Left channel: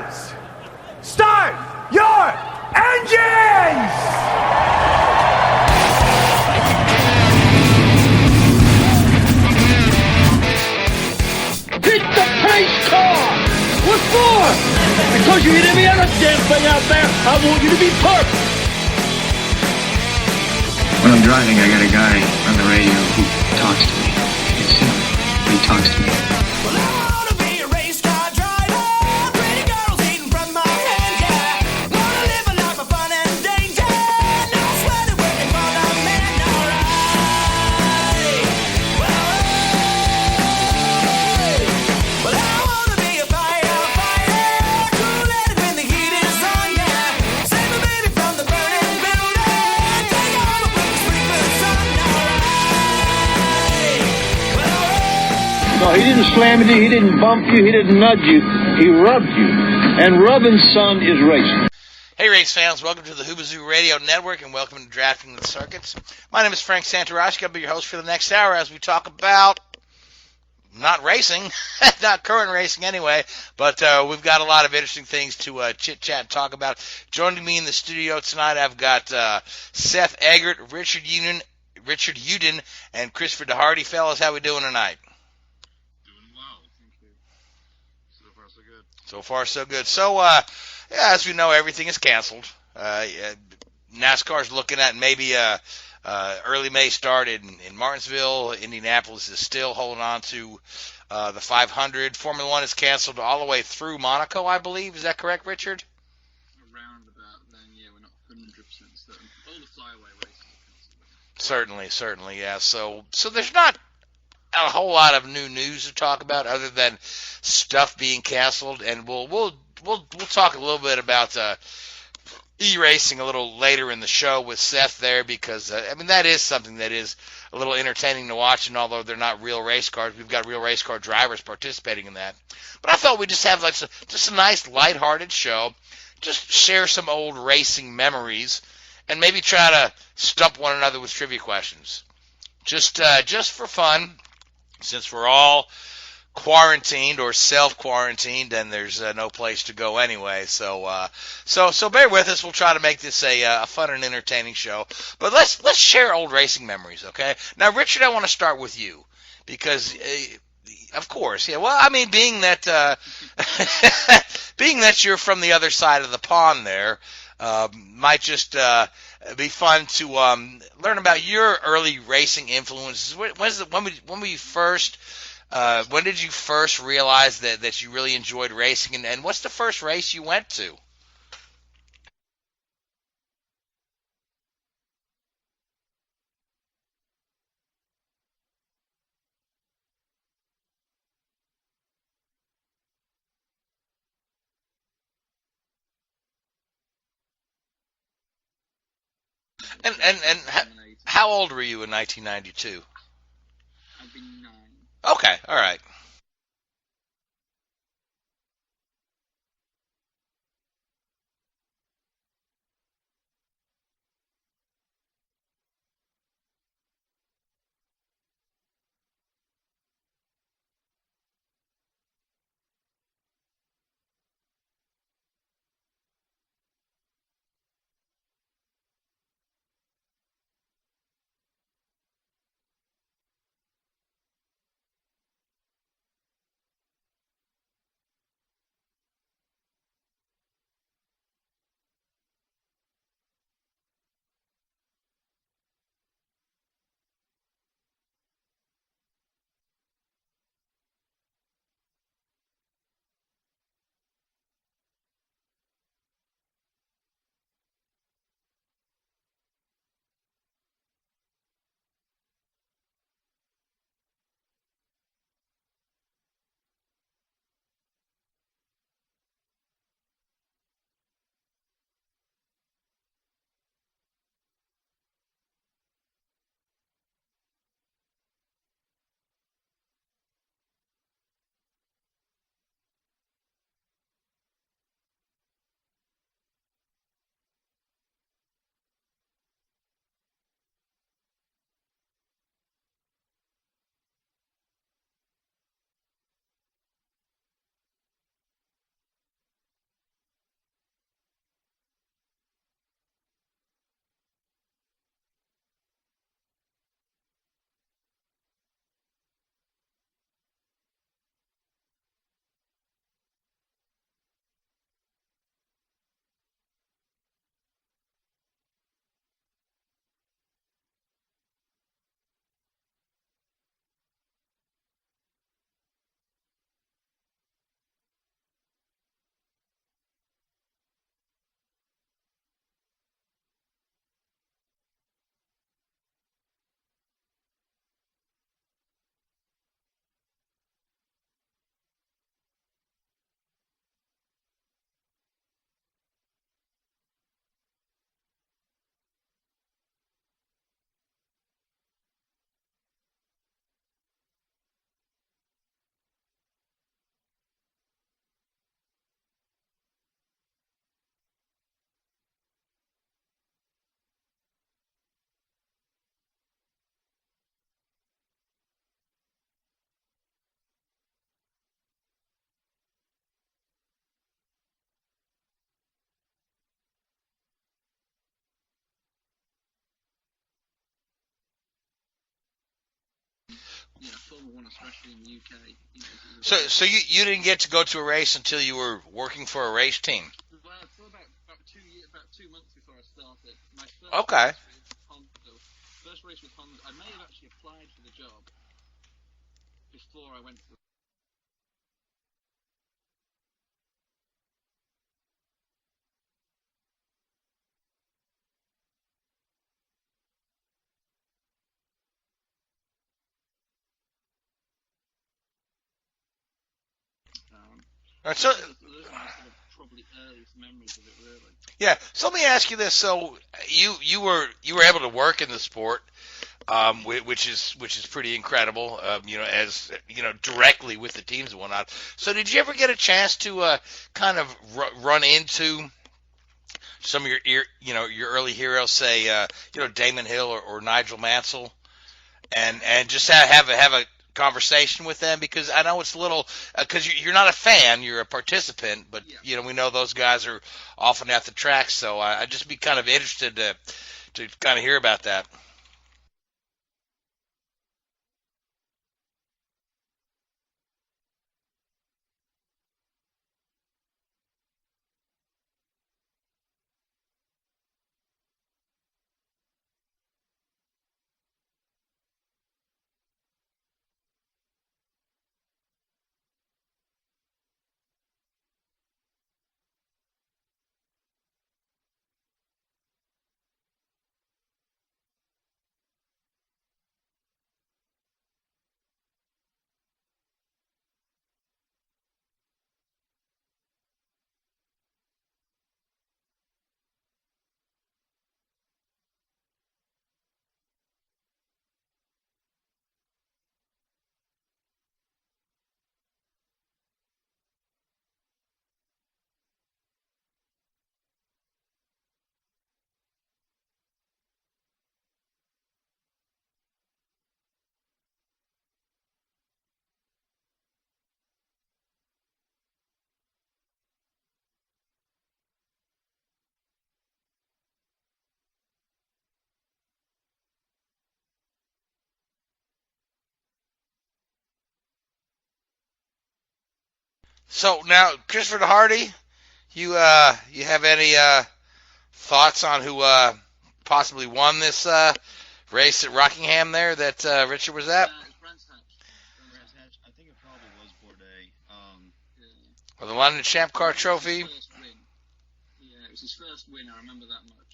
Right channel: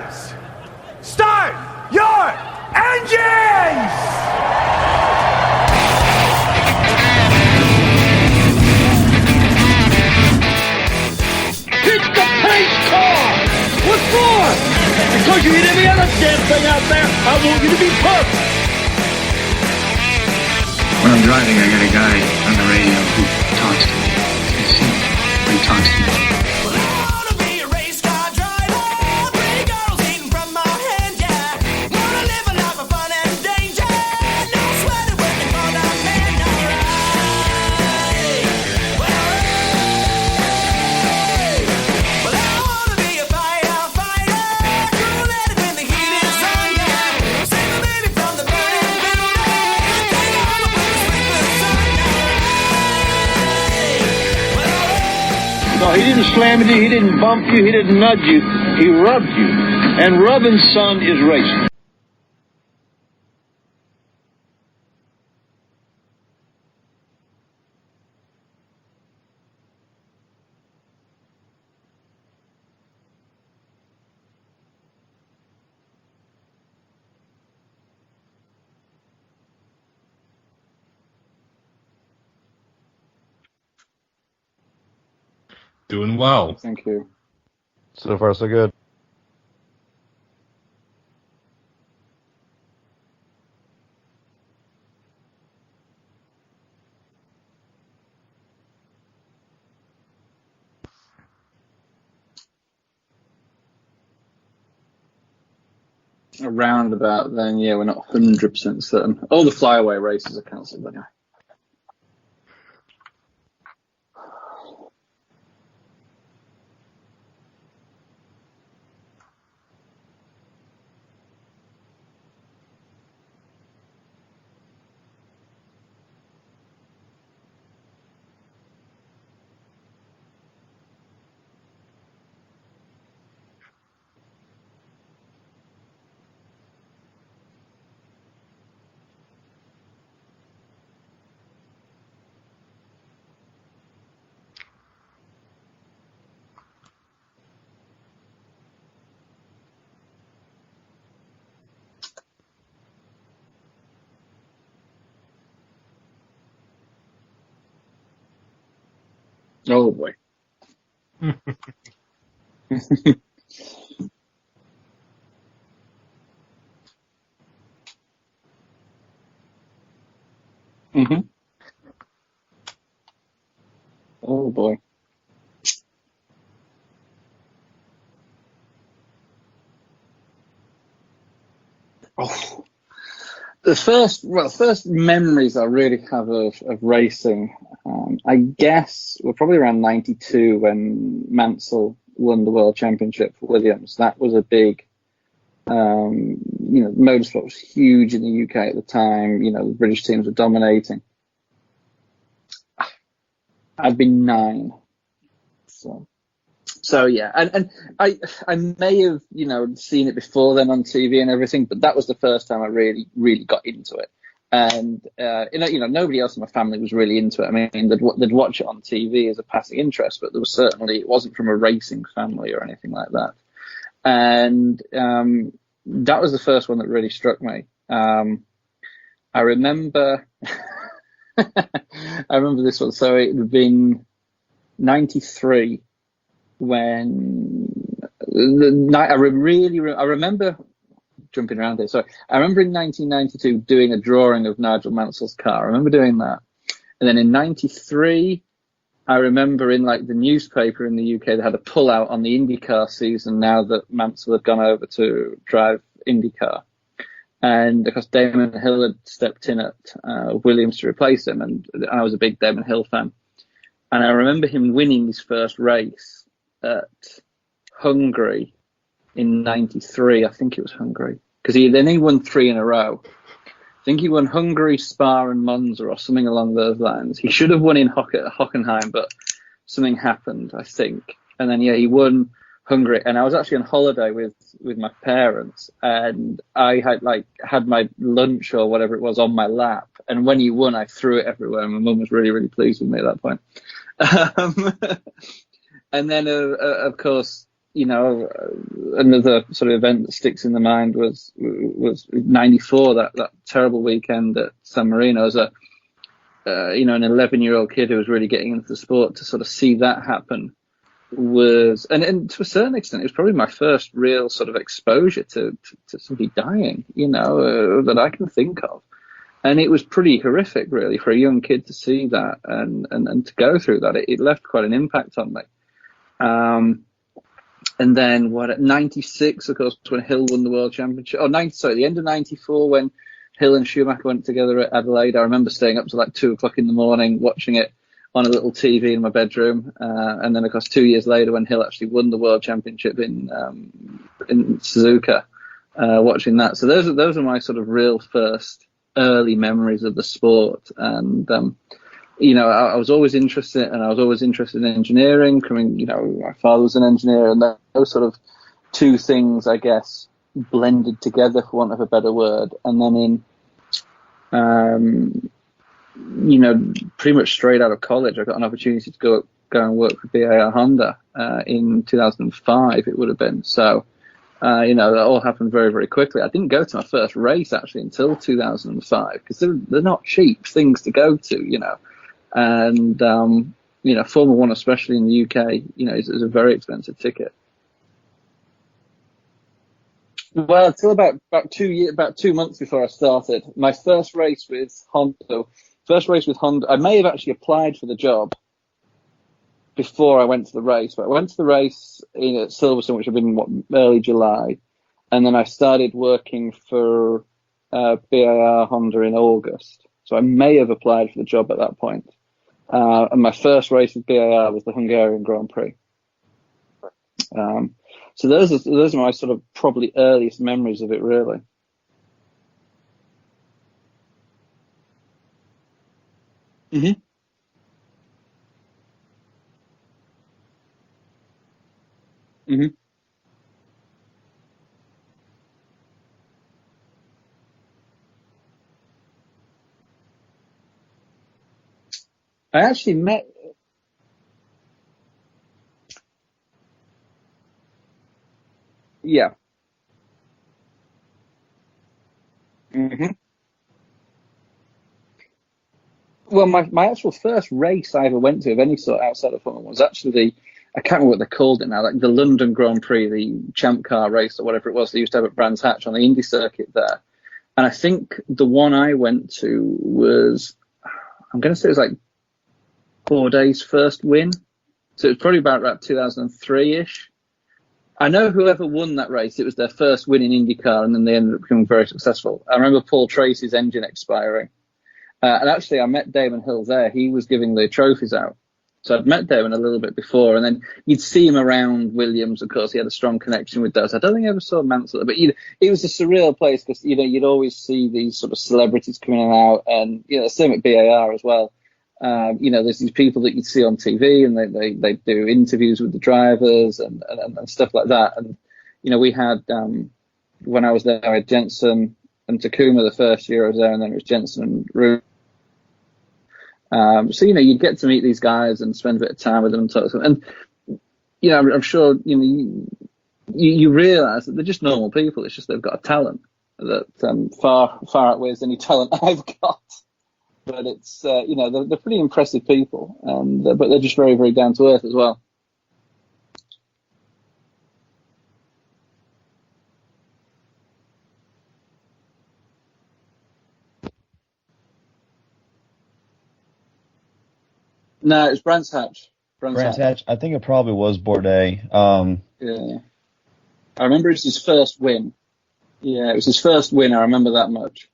Drivers, start your engines! Hit the pace car! What for? Because you hit every other damn thing out there, I want you to be perfect! When I'm driving, I got a guy on the radio who talks to me. You see him, but he talks to me. Well, I wanna be a race car driver. Pretty girls eating from my hand, yeah. Wanna live a life of fun and danger. No sweating working for the man, alright. Well, I wanna be a firefighter. Cool-headed when the heat is on, yeah. Save my baby from the burning building. Take her home and put the sprinklers on, alright. No, he didn't slam you, he didn't bump you, he didn't nudge you, he rubbed you. And rubbing, son, is racing. Hey race fans, welcome to the Hoobazoo Radio Network and welcome to Drafting the Circuits. My name is Frank Santoroski. I'll be your host for the next hour as we talk about not racing, not current racing anyway, but we've got a lot of interesting things to chit-chat and talk about. Joining me in the studio tonight, I've got Seth, Eggert, Richard Youden, and Christopher DeHarde. Fellas, how we doing tonight? Doing well. Thank you. So far, so good. So far, so good. So, as we know, everything is canceled. NASCAR's looking at maybe early May start in Martinsville. Indianapolis is still holding on to the 500. Formula One is canceled all the way through Monaco, I believe. Is that correct, Richard? Around about then, yeah, we're not 100% certain. All the flyaway races are cancelled anyway. Certainly, yeah. So there's not a whole lot of new news to talk about other than stuff being canceled, and we'll talk a little bit about e-racing a little later in the show with Seth there because I mean that is something that is a little entertaining to watch, and although they're not real race cars, we've got real race car drivers participating in that. But I thought we'd just have like just a nice lighthearted show, just share some old racing memories, and maybe try to stump one another with trivia questions, just for fun. Since we're all quarantined or self-quarantined, and there's no place to go anyway, so bear with us. We'll try to make this a fun and entertaining show. But let's share old racing memories, okay? Now, Richard, I want to start with you because, of course, yeah. Well, I mean, being that you're from the other side of the pond there, might just be fun to learn about your early racing influences. When did you first realize that you really enjoyed racing, and what's the first race you went to? Oh, the first memories I really have of racing, I guess, were probably around '92 when Mansell won the World Championship for Williams. That was a big. Motorsport was huge in the UK at the time. The British teams were dominating. How old were you in 1992? I'd been 9. Okay, all right. So yeah, and I may have seen it before then on TV and everything, but that was the first time I really got into it. And nobody else in my family was really into it. I mean, they'd watch it on TV as a passing interest, but it wasn't from a racing family or anything like that. And that was the first one that really struck me. I remember this one. So it had been 93 when the night. I remember jumping around here. So I remember in 1992 doing a drawing of Nigel Mansell's car. I remember doing that. And then in 93, I remember in the newspaper in the UK, they had a pull-out on the IndyCar season now that Mansell had gone over to drive IndyCar. And because Damon Hill had stepped in at Williams to replace him, and I was a big Damon Hill fan. And I remember him winning his first race at Hungary in 93. I think it was Hungary. Because he won 3 in a row. I think he won Hungary, Spa, and Monza, or something along those lines. He should have won in Hockenheim, but something happened, I think. And then, he won Hungary. And I was actually on holiday with my parents, and I had my lunch or whatever it was on my lap. And when he won, I threw it everywhere. And my mum was really, really pleased with me at that point. And then, of course, another sort of event that sticks in the mind was '94, that terrible weekend at San Marino. As an 11-year-old kid who was really getting into the sport, to sort of see that happen was, and to a certain extent, it was probably my first real sort of exposure to somebody dying, that I can think of. And it was pretty horrific, really, for a young kid to see that and to go through that. It left quite an impact on me. And then at 96, of course, when Hill won the World Championship. The end of 94, when Hill and Schumacher went together at Adelaide. I remember staying up to like 2 o'clock in the morning, watching it on a little TV in my bedroom. And then, of course, 2 years later, when Hill actually won the World Championship in Suzuka, watching that. So those are my sort of real first early memories of the sport. And I was always interested, in engineering. My father was an engineer, and those sort of two things, I guess, blended together, for want of a better word. And then pretty much straight out of college, I got an opportunity to go and work for BAR Honda in 2005. It would have been. So, that all happened very, very quickly. I didn't go to my first race actually until 2005, because they're not cheap things to go to, And Formula One, especially in the UK, is a very expensive ticket. You didn't get to go to a race until you were working for a race team. Well, until about 2 months before I started. My first race with Honda. I may have actually applied for the job before I went to the race, but I went to the race at Silverstone, which had been early July, and then I started working for BAR Honda in August. So I may have applied for the job at that point. And my first race with BAR was the Hungarian Grand Prix. So those are my sort of probably earliest memories of it, really. Yeah. So let me ask you this: so you were able to work in the sport, which is pretty incredible. As directly with the teams and whatnot. So did you ever get a chance to kind of run into some of your early heroes, say Damon Hill or Nigel Mansell, and just have a conversation with them? Because I know it's a little because you're not a fan, you're a participant. Yeah. But, we know those guys are often at the track, so I'd just be kind of interested to kind of hear about that. Well, my actual first race I ever went to of any sort outside of Formula One was actually I can't remember what they called it now, like the London Grand Prix, the Champ Car race or whatever it was they used to have at Brands Hatch on the Indy circuit there. And I think the one I went to was, I'm going to say it was like Bourdais' first win. So it was probably about 2003-ish. I know whoever won that race, it was their first win in IndyCar, and then they ended up becoming very successful. I remember Paul Tracy's engine expiring. And actually, I met Damon Hill there. He was giving the trophies out. So I'd met Damon a little bit before, and then you'd see him around Williams. Of course, he had a strong connection with those. I don't think I ever saw Mansell, but it was a surreal place because, you'd always see these sort of celebrities coming in and out, and, same at BAR as well. There's these people that you'd see on TV, and they do interviews with the drivers and stuff like that. And, we had, when I was there, I had Jensen and Takuma the first year I was there, and then it was Jensen and Ruth. So you'd get to meet these guys and spend a bit of time with them and talk to them. And I'm sure you realise that they're just normal people. It's just they've got a talent that far outweighs any talent I've got. But it's they're pretty impressive people, but they're just very, very down to earth as well. So now, Christopher DeHarde, you have any thoughts on who possibly won this race at Rockingham there that Richard was at? No, it's Brands Hatch. Brands Hatch. I think it probably was Bourdais. Yeah. Or the London I Champ remember Car it's Trophy. his first win. Yeah, it was his first win. I remember that much.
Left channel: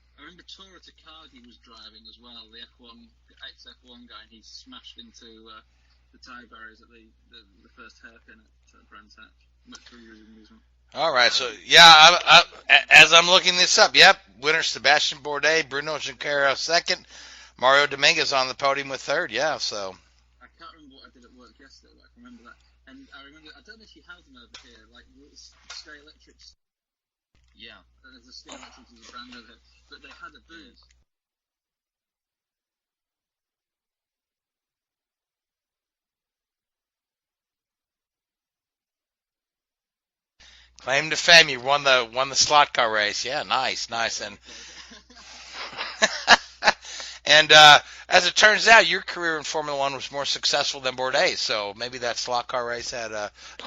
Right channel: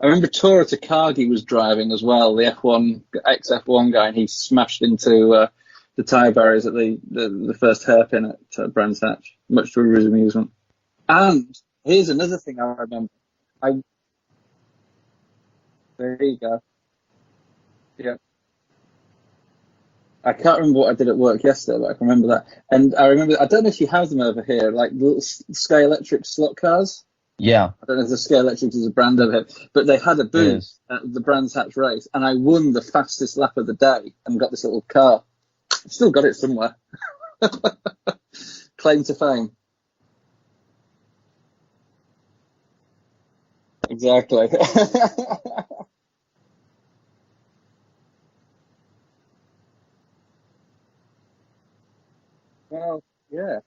I remember Tora Takagi was driving as well, the ex-F1 guy, and he smashed into the tyre barriers at the first hairpin at Brands Hatch, much to his amusement. All right, so yeah, as I'm looking this up, yep, winner Sebastian Bourdais, Bruno Shapiro second, Mario Dominguez on the podium with third. Yeah, so I can't remember what I did at work yesterday, but I can remember that. And I don't know if you have them over here, like little Sky Electric slot cars. Yeah. I don't know if the Sky Electric is a brand over here, but they had a booth at the Brands Hatch race, and I won the fastest lap of the day and got this little car. I've still got it somewhere. Claim to fame. Claim to fame. You won the slot car race. Yeah, nice. Exactly. And as it turns out, your career in Formula One was more successful than Bourdais, so maybe that slot car race had. Yeah.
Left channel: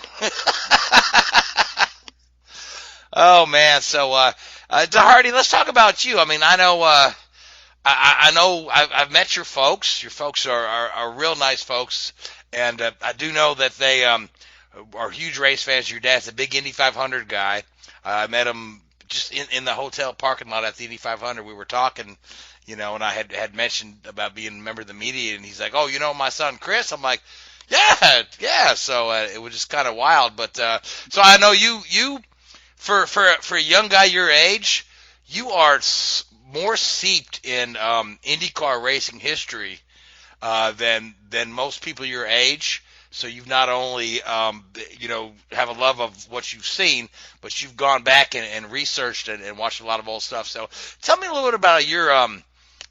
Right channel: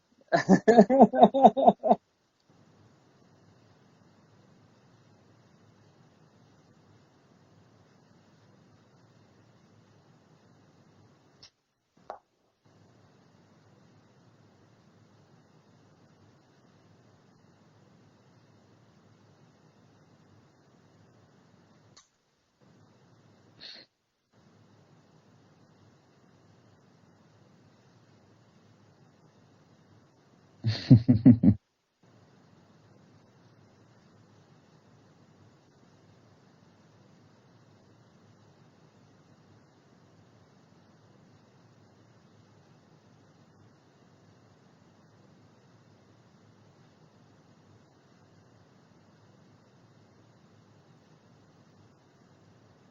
Oh man, so DeHarde, let's talk about you. I mean, I know, I know, I've met your folks. Your folks are real nice folks, and I do know that they are huge race fans. Your dad's a big Indy 500 guy. I met him just in the hotel parking lot at the Indy 500. We were talking. You know, and I had mentioned about being a member of the media, and he's like, "Oh, you know my son Chris?" I'm like, "Yeah." So it was just kind of wild, but so I know you for a young guy your age, you are more steeped in IndyCar racing history than most people your age. So you've not only have a love of what you've seen, but you've gone back and researched and watched a lot of old stuff. So tell me a little bit about your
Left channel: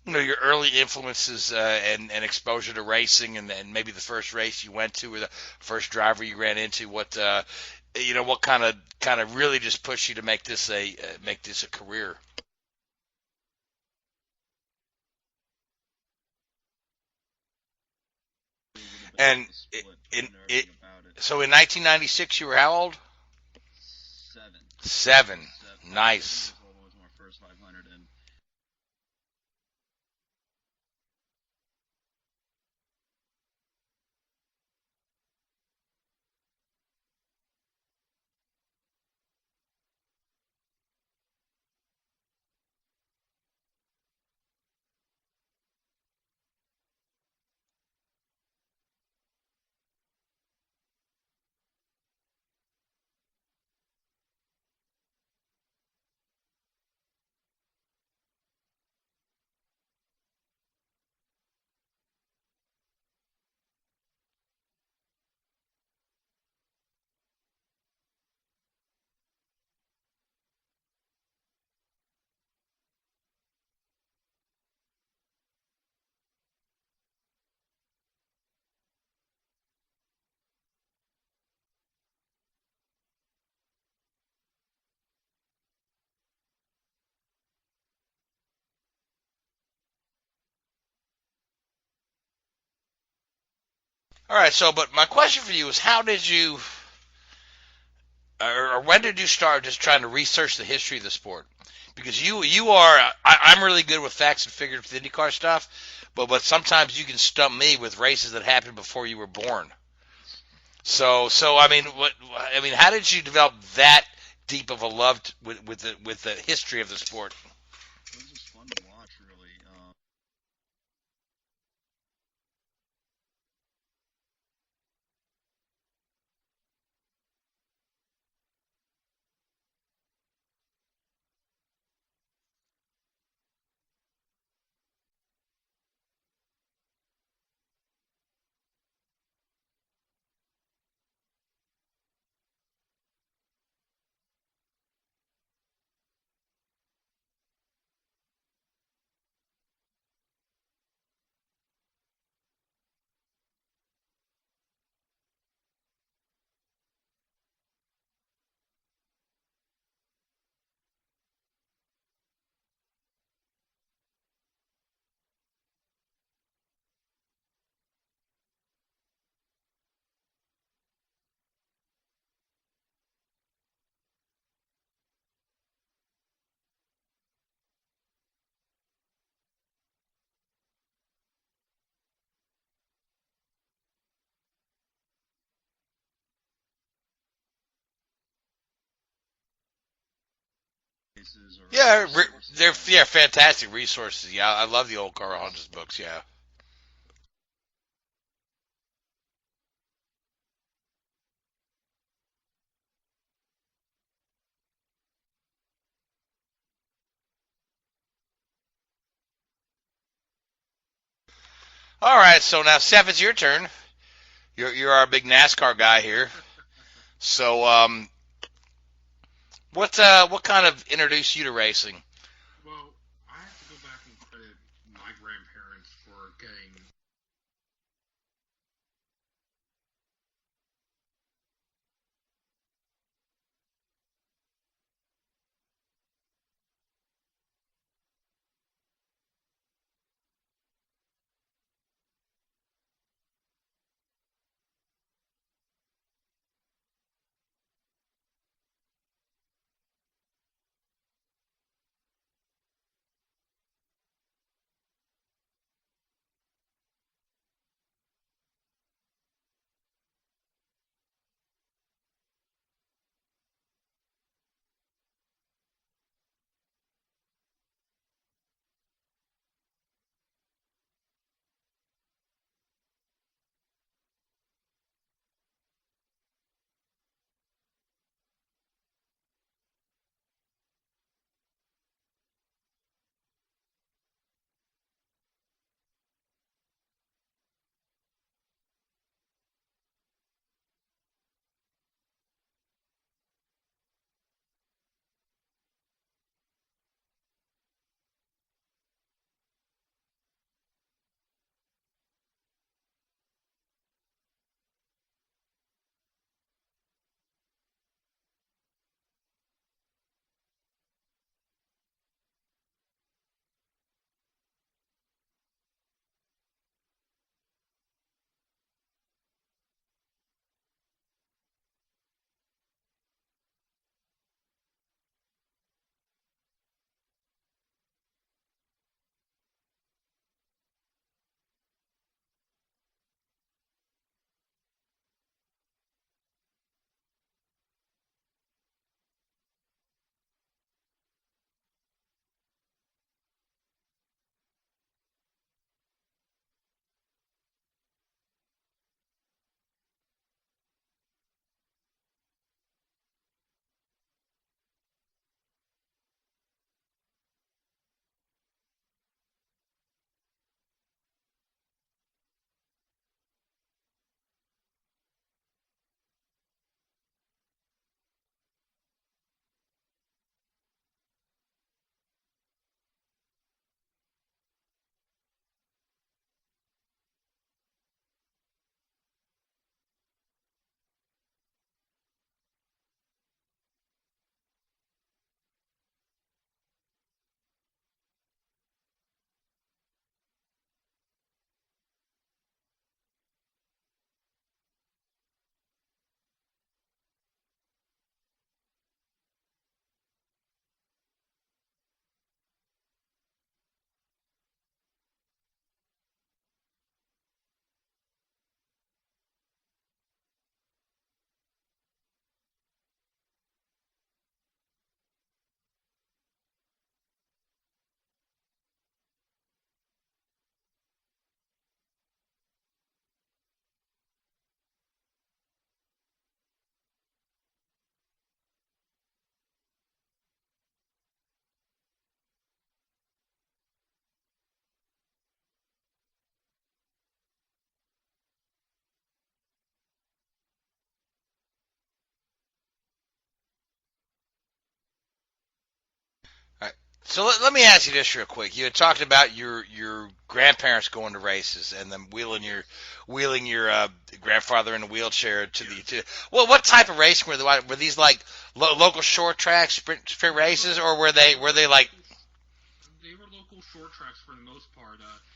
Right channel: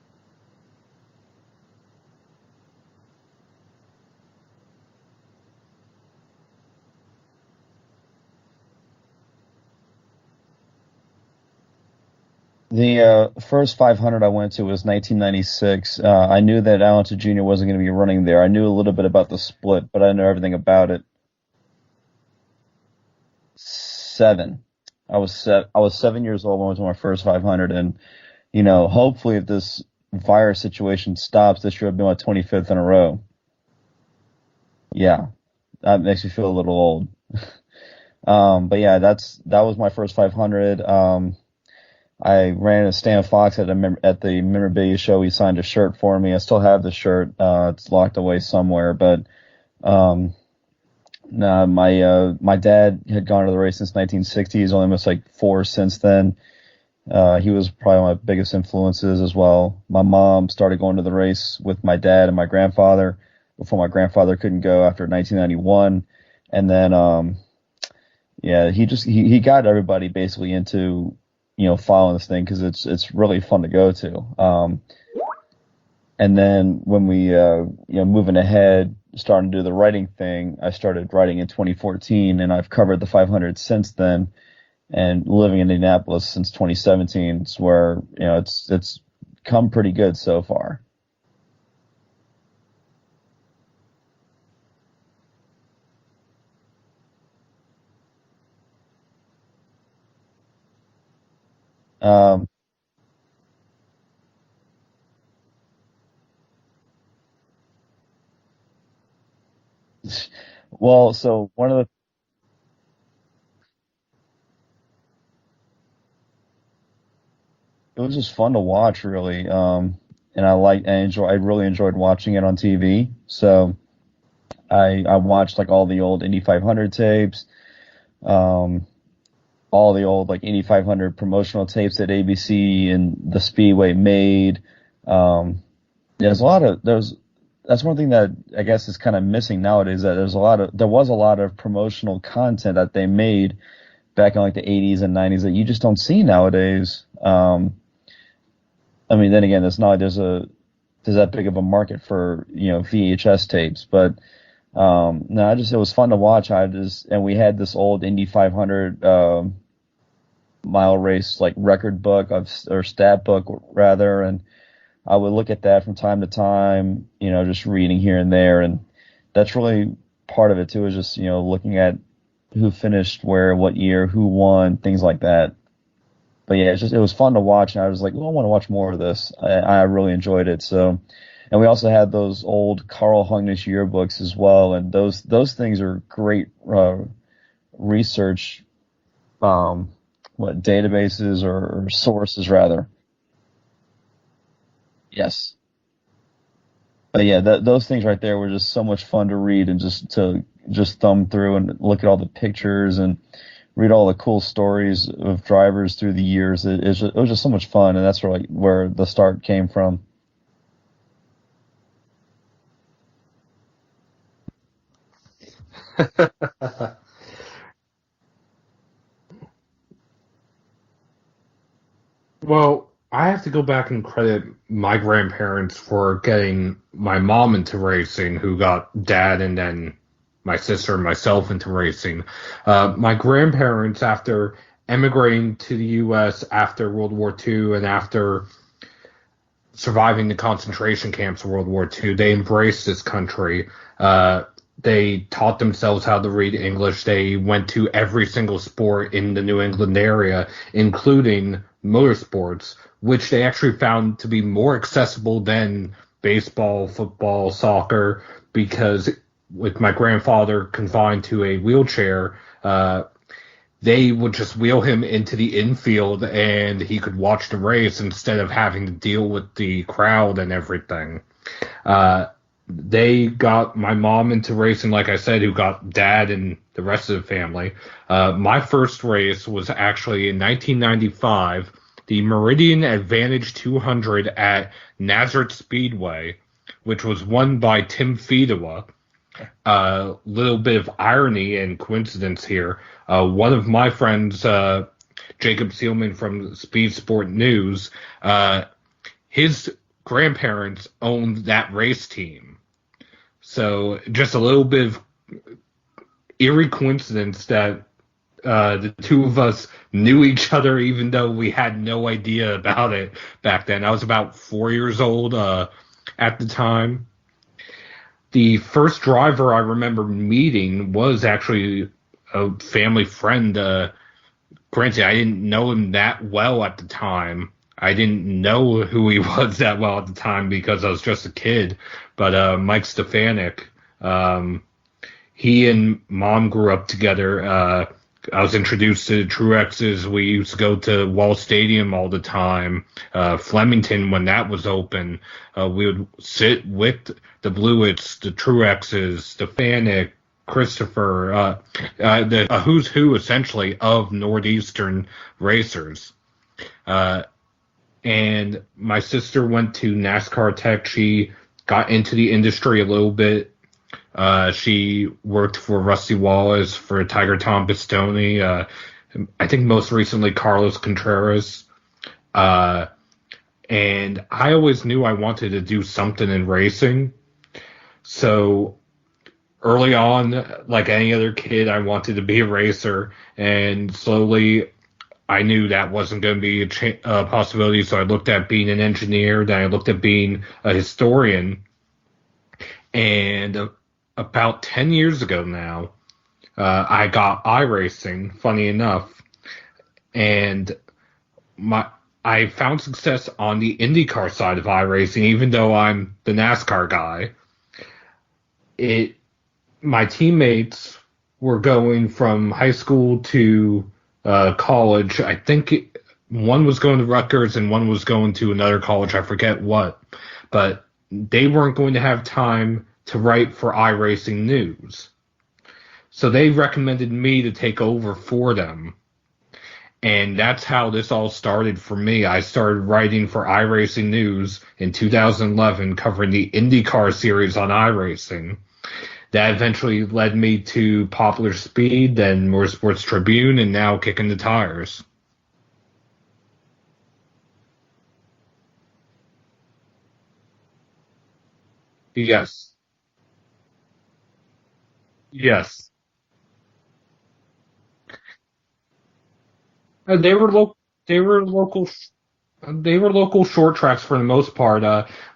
your early influences and exposure to racing, and maybe the first race you went to or the first driver you ran into. What what kind of really just pushed you to make this a career? The first 500 I went to was 1996. I knew that Alonso Jr. wasn't going to be running there. I knew a little bit about the split, but I didn't know everything about it. So in 1996, you were how old? 7. I was Nice. 7 years old when I went to my first 500, and hopefully if this virus situation stops, this year I'll be my 25th in a row. Yeah, that makes me feel a little old. But yeah, that was my first 500. I ran into Stan Fox at the memorabilia show. He signed a shirt for me. I still have the shirt. It's locked away somewhere, but no, my dad had gone to the race since 1960. He's only missed like 4 since then. He was probably my biggest influences as well. My mom started going to the race with my dad and my grandfather before my grandfather couldn't go after 1991. And then, he got everybody basically into, following this thing because it's really fun to go to. And then when we, moving ahead, starting to do the writing thing, I started writing in 2014, and I've covered the 500 since then. And living in Indianapolis since 2017, it's where it's come pretty good so far. All right. So, but my question for you is, how did you, or when did you start just trying to research the history of the sport? Because I'm really good with facts and figures with IndyCar stuff, but sometimes you can stump me with races that happened before you were born. Well, so I mean, how did you develop that deep of a love with the history of the sport? It was just fun to watch, really, and I really enjoyed watching it on TV. So I watched like all the old Indy 500 tapes, all the old like Indy 500 promotional tapes that ABC and the Speedway made. That's one thing that I guess is kind of missing nowadays. That there was a lot of promotional content that they made back in like the 80s and 90s that you just don't see nowadays. Then again, it's not like there's that big of a market for VHS tapes, but it was fun to watch. And we had this old Indy 500 mile race like record book or stat book rather, and I would look at that from time to time, just reading here and there, and that's really part of it too, is just looking at who finished where, what year, who won, things like that. But yeah, it was fun to watch, and I was like, well, I want to watch more of this. I really enjoyed it. So, and we also had those old Carl Hungnish yearbooks as well, and those things are great research, databases or sources rather. They're fantastic resources. Yeah, I love the old Carl Hungnish books. Yeah. But yeah, those things right there were just so much fun to read and just thumb through and look at all the pictures and read all the cool stories of drivers through the years. It was just so much fun, and that's where the start came from. All right, so now Seth, it's your turn. You're our big NASCAR guy here. So, what kind of introduced you to racing? Well, I have to go back and credit my grandparents for getting my mom into racing, who got dad and then my sister and myself into racing. My grandparents, after emigrating to the U.S. after World War II and after surviving the concentration camps of World War II, they embraced this country. They taught themselves how to read English. They went to every single sport in the New England area, including motorsports, which they actually found to be more accessible than baseball, football, soccer, because with my grandfather confined to a wheelchair, they would just wheel him into the infield and he could watch the race instead of having to deal with the crowd and everything. They got my mom into racing, like I said, who got dad and the rest of the family. My first race was actually in 1995, the Meridian Advantage 200 at Nazareth Speedway, which was won by Tim Fedewa. A little bit of irony and coincidence here. One of my friends, Jacob Seelman from Speed Sport News, his grandparents owned that race team. So just a little bit of eerie coincidence that the two of us knew each other, even though we had no idea about it back then. I was about 4 years old at the time. The first driver I remember meeting was actually a family friend. Granted, I didn't know him that well at the time. I didn't know who he was that well at the time because I was just a kid. But Mike Stefanik, he and Mom grew up together. I was introduced to Truexes. We used to go to Wall Stadium all the time. Flemington, when that was open, we would sit with the Blewitts, the Truexes, Stefanik, Christopher, the who's who, essentially, of Northeastern racers. And my sister went to NASCAR Tech. She got into the industry a little bit. She worked for Rusty Wallace, for Tiger Tom Pistone, I think most recently Carlos Contreras. And I always knew I wanted to do something in racing. So early on, like any other kid, I wanted to be a racer. And slowly I knew that wasn't going to be a possibility. So I looked at being an engineer. Then I looked at being a historian. And about 10 years ago now, I got iRacing, funny enough, and I found success on the IndyCar side of iRacing, even though I'm the NASCAR guy. My teammates were going from high school to college. I think one was going to Rutgers and one was going to another college, I forget what, but they weren't going to have time to write for iRacing News. So they recommended me to take over for them. And that's how this all started for me. I started writing for iRacing News in 2011, covering the IndyCar series on iRacing. That eventually led me to Popular Speed, then Motorsports Tribune, and now Kicking the Tires. So let me ask you this real quick. You had talked about your grandparents going to races and then wheeling your grandfather in a wheelchair. Yes. Well, what type of racing were they? Were these like local short track sprint they were races, or were they like? They were local short tracks for the most part.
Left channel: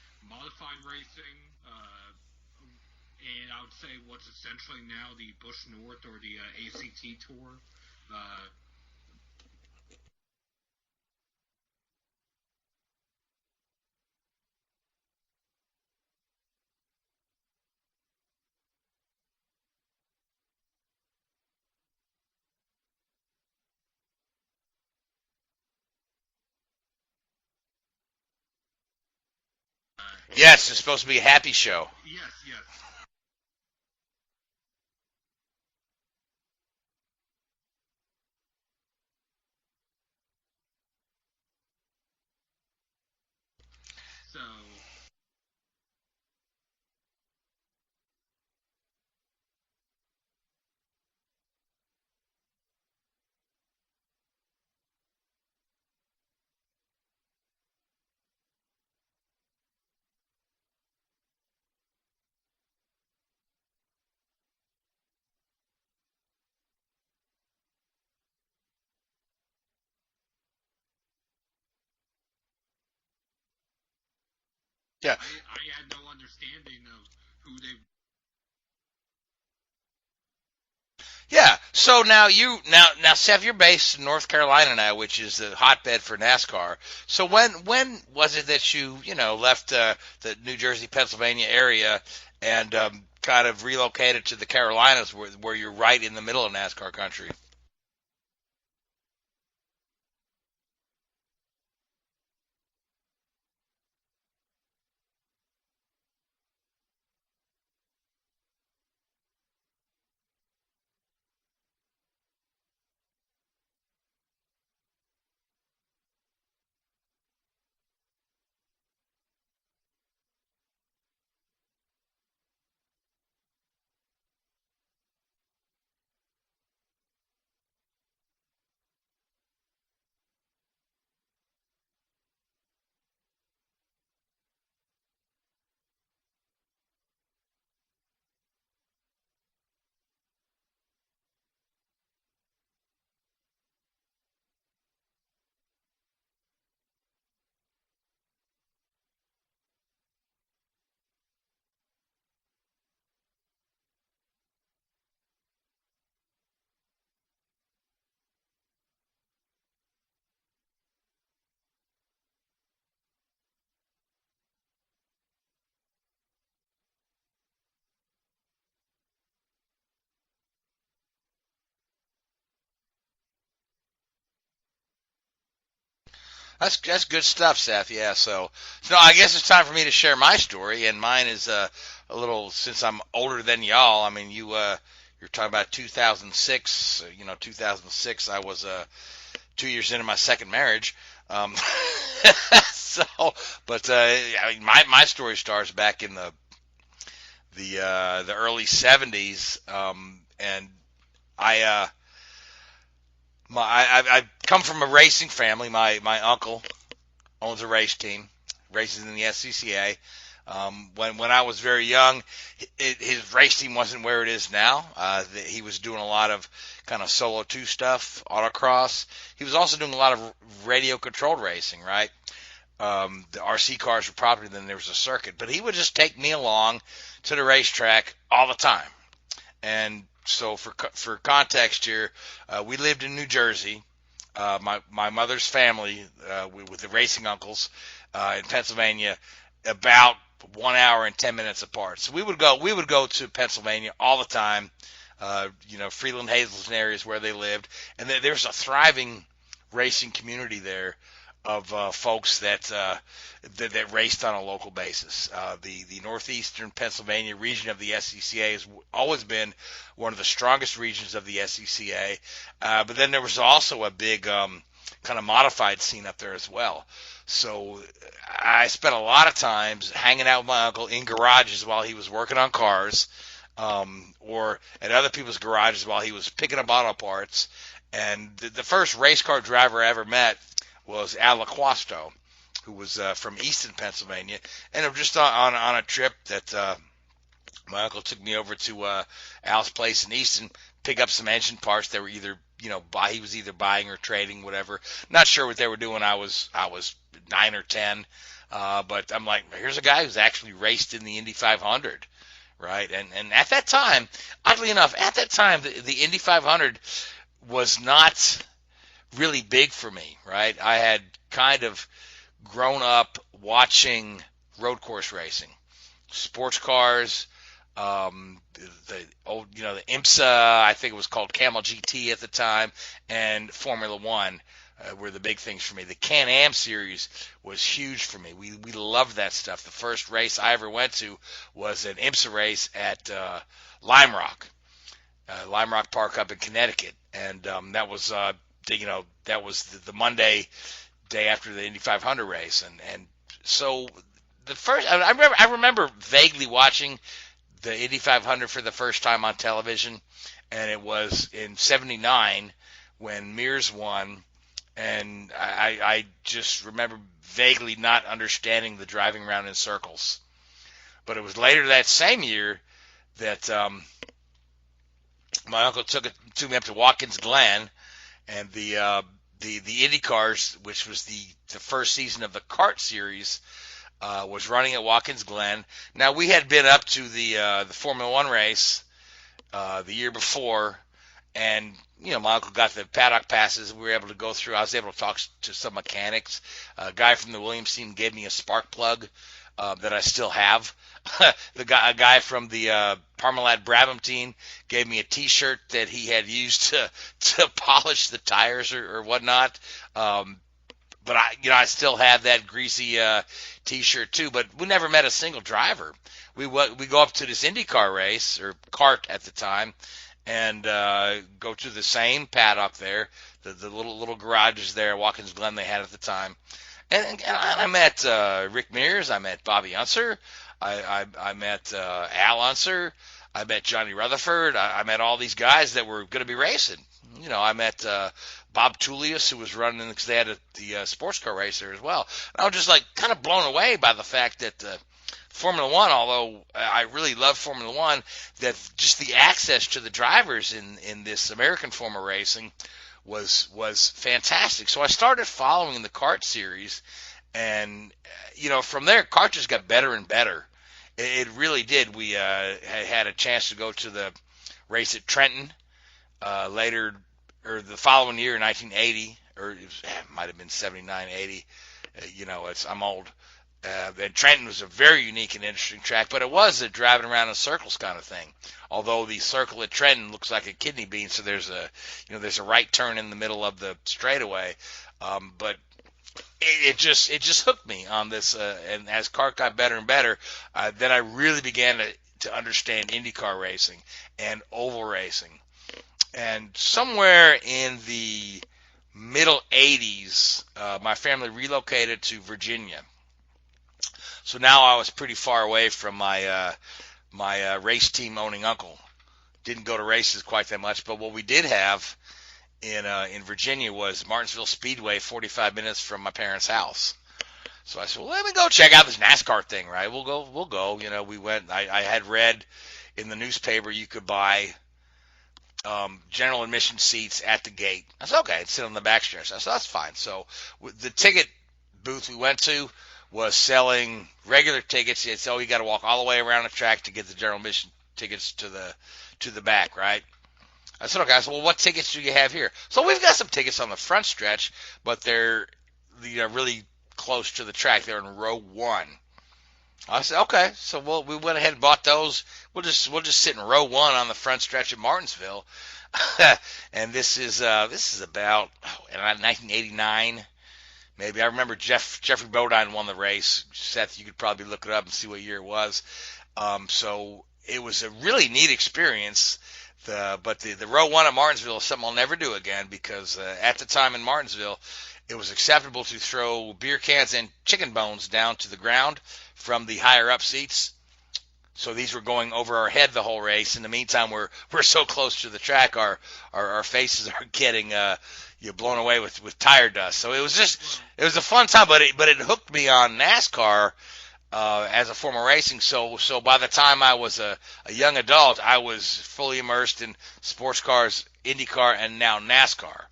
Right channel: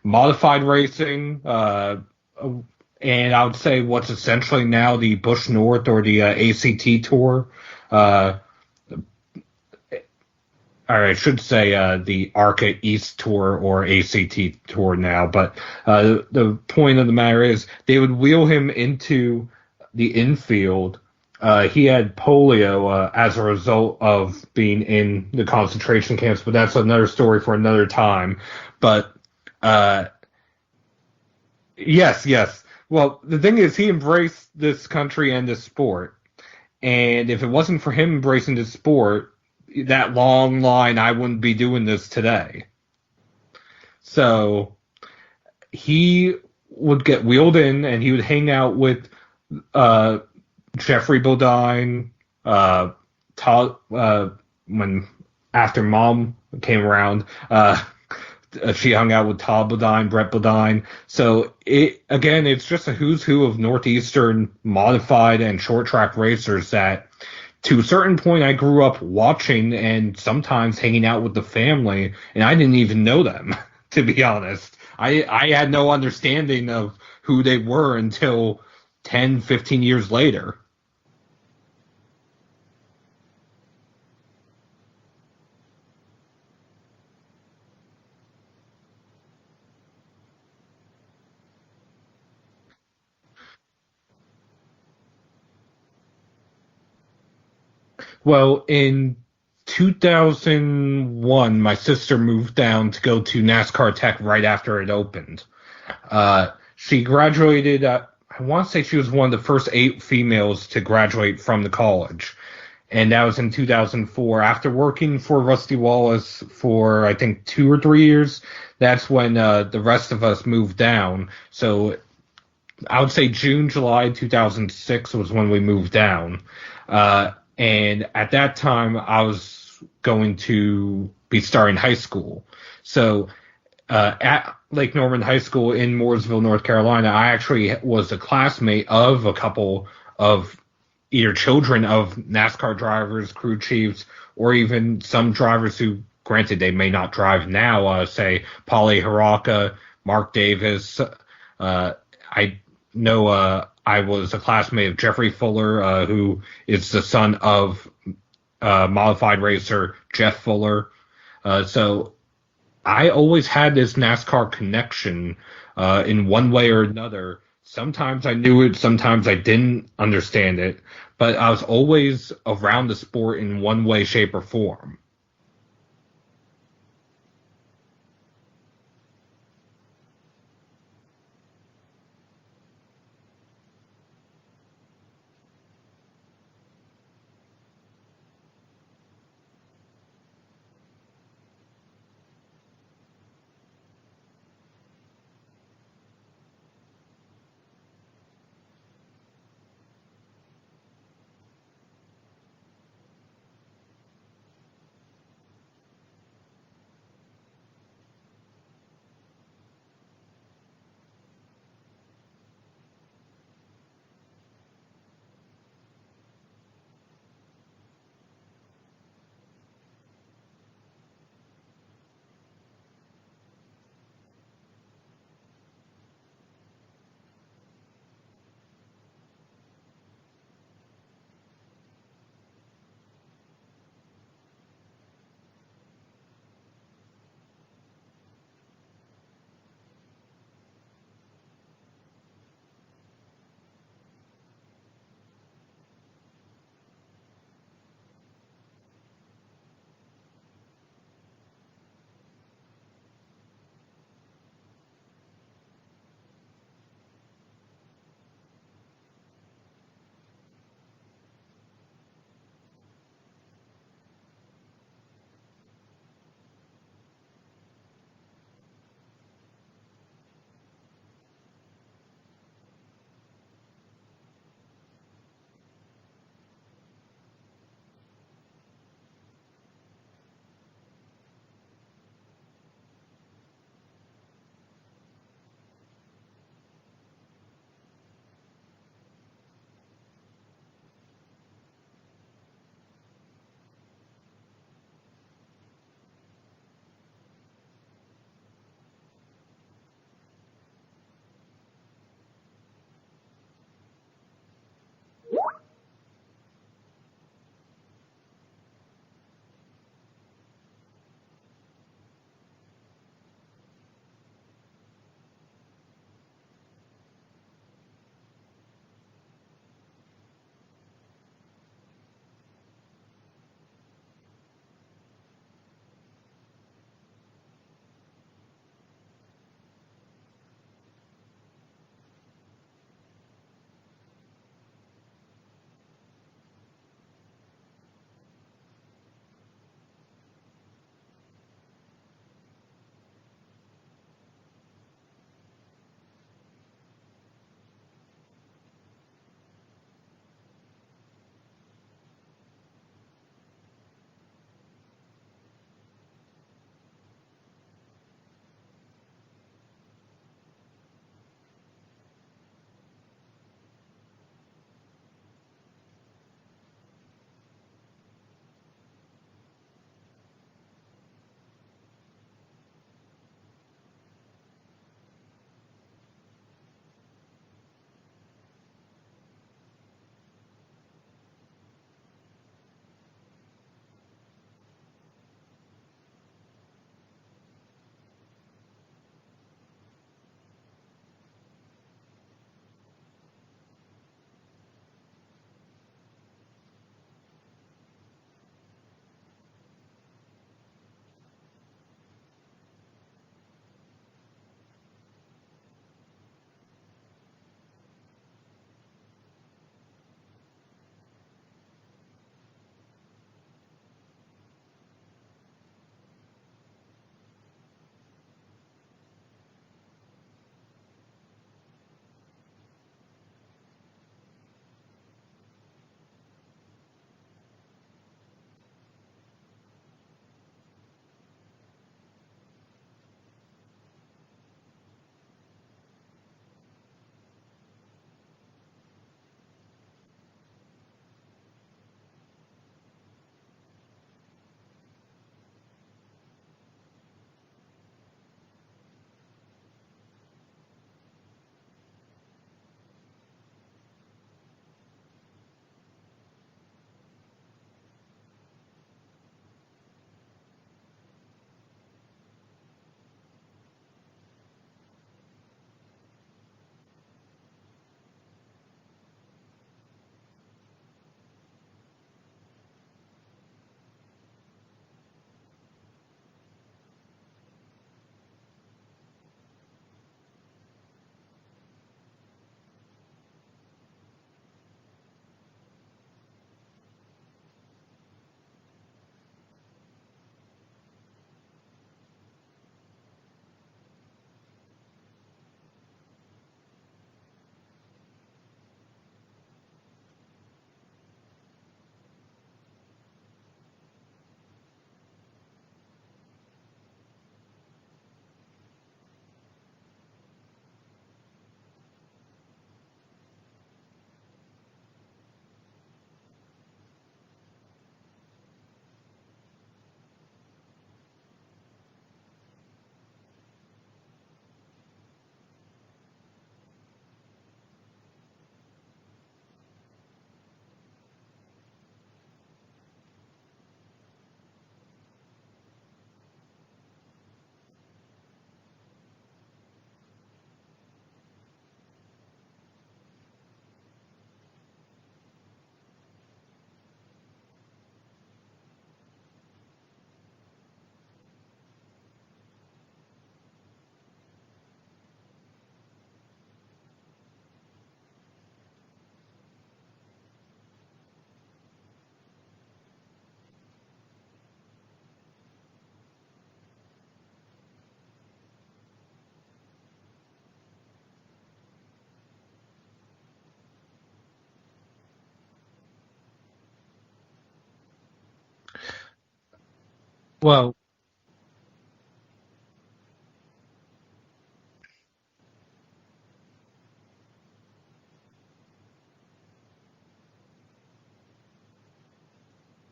Modified racing, and I would say what's essentially now the Busch North or the ACT Tour. Or I should say the ARCA East Tour or ACT Tour now. But the point of the matter is they would wheel him into the infield. He had polio as a result of being in the concentration camps, but that's another story for another time. But yes, it's supposed to be a happy show. Yes. Well, the thing is, he embraced this country and this sport. And if it wasn't for him embracing this sport, that long line, I wouldn't be doing this today. So he would get wheeled in and he would hang out with Jeffrey Bodine, Todd, when after Mom came around, She hung out with Todd Bodine, Brett Bodine. So it's just a who's who of Northeastern modified and short track racers that, to a certain point, I grew up watching and sometimes hanging out with the family, and I didn't even know them, to be honest. I had no understanding of who they were until 10, 15 years later. Yeah. So now Seth, you're based in North Carolina now, which is the hotbed for NASCAR. So when was it that you left the New Jersey, Pennsylvania area and kind of relocated to the Carolinas, where you're right in the middle of NASCAR country? Well, in 2001, my sister moved down to go to NASCAR Tech right after it opened. She graduated. I want to say she was one of the first 8 females to graduate from the college. And that was in 2004. After working for Rusty Wallace for, I think, 2 or 3 years, that's when the rest of us moved down. So I would say June, July 2006 was when we moved down. And at that time, I was going to be starting high school. So at Lake Norman High School in Mooresville, North Carolina, I actually was a classmate of a couple of either children of NASCAR drivers, crew chiefs, or even some drivers who, granted, they may not drive now, say Paulie Haraka, Mark Davis. I know I was a classmate of Jeffrey Fuller, who is the son of modified racer Jeff Fuller. So I always had this NASCAR connection in one way or another. Sometimes I knew it, sometimes I didn't understand it, but I was always around the sport in one way, shape, or form. That's good stuff, Seth. Yeah. So I guess it's time for me to share my story, and mine is a little, since I'm older than y'all. I mean, you're talking about 2006. 2006. I was 2 years into my second marriage. I mean, my story starts back in the early 70s, and I come from a racing family. My uncle owns a race team, races in the SCCA. When I was very young, his race team wasn't where it is now. He was doing a lot of kind of solo 2 stuff, autocross. He was also doing a lot of radio controlled racing, right? The RC cars were property, then there was a circuit. But he would just take me along to the racetrack all the time. And so for context here, we lived in New Jersey. My mother's family, with the racing uncles in Pennsylvania, about 1 hour and 10 minutes apart. So we would go to Pennsylvania all the time. Freeland, Hazleton areas where they lived, and there's a thriving racing community there of folks that raced on a local basis. The northeastern Pennsylvania region of the SCCA has always been one of the strongest regions of the SCCA, but then there was also a big kind of modified scene up there as well. So I spent a lot of times hanging out with my uncle in garages while he was working on cars, or at other people's garages while he was picking up auto parts. And the first race car driver I ever met was Al LaQuasto, who was from Easton, Pennsylvania. And it was just on a trip that my uncle took me over to Al's place in Easton, pick up some engine parts that were either, he was either buying or trading, whatever. Not sure what they were doing. I was 9 or 10. But I'm like, here's a guy who's actually raced in the Indy 500, right? And at that time, oddly enough, the Indy 500 was not really big for me, right? I had kind of grown up watching road course racing, sports cars, the old, the IMSA, I think it was called Camel GT at the time, and Formula One were the big things for me. The Can-Am series was huge for me. We loved that stuff. The first race I ever went to was an IMSA race at Lime Rock Park up in Connecticut, and that was the Monday day after the Indy 500 race, and so the first I remember vaguely watching the Indy 500 for the first time on television, and it was in '79 when Mears won and I just remember vaguely not understanding the driving around in circles. But it was later that same year that my uncle took me up to Watkins Glen, and the Indy cars, which was the first season of the kart series, was running at Watkins Glen. Now, we had been up to the Formula One race the year before, and my uncle got the paddock passes. We were able to go through. I was able to talk to some mechanics. A guy from the Williams team gave me a spark plug that I still have. A guy from the Parmalat Brabham team gave me a T-shirt that he had used to polish the tires or whatnot. But I still have that greasy T-shirt too. But we never met a single driver. We go up to this IndyCar race, or kart at the time, and go to the same paddock there, the little garages there at Watkins Glen they had at the time. And I met Rick Mears. I met Bobby Unser. I met Al Unser. I met Johnny Rutherford. I met all these guys that were going to be racing. I met Bob Tullius, who was running, because they had the sports car race there as well. And I was just kind of blown away by the fact that Formula One, although I really love Formula One, that just the access to the drivers in this American form of racing was fantastic. So I started following the kart series, and from there, kart just got better and better. It really did. We had a chance to go to the race at Trenton later, or the following year in 1980, or it might have been 79, 80. I'm old. And Trenton was a very unique and interesting track, but it was a driving around in circles kind of thing. Although the circle at Trenton looks like a kidney bean, so there's a right turn in the middle of the straightaway. But it just hooked me on this, and as kart got better and better, then I really began to understand IndyCar racing and oval racing. And somewhere in the middle 80s, my family relocated to Virginia. So now I was pretty far away from my race team owning uncle. Didn't go to races quite that much, but what we did have in Virginia was Martinsville Speedway, 45 minutes from my parents' house. So I said, well, let me go check out this NASCAR thing, right? We'll go. We went. I had read in the newspaper you could buy general admission seats at the gate. I said, okay, sit on the back stairs. I said, that's fine. So the ticket booth we went to was selling regular tickets. It's you got to walk all the way around the track to get the general admission tickets to the back, right? I said, okay. I said, well, what tickets do you have here? So we've got some tickets on the front stretch, but they're really close to the track. They're in row 1. I said, okay. So we went ahead and bought those. We'll just sit in row 1 on the front stretch at Martinsville. And this is about 1989. Maybe. I remember Jeffrey Bodine won the race. Seth, you could probably look it up and see what year it was. So it was a really neat experience. But the row 1 at Martinsville is something I'll never do again, because at the time in Martinsville, it was acceptable to throw beer cans and chicken bones down to the ground from the higher up seats. So these were going over our head the whole race. In the meantime, we're so close to the track, our faces are getting blown away with tire dust. So it was just it was a fun time, but it hooked me on NASCAR as a form of racing. So by the time I was a young adult, I was fully immersed in sports cars, IndyCar, and now NASCAR.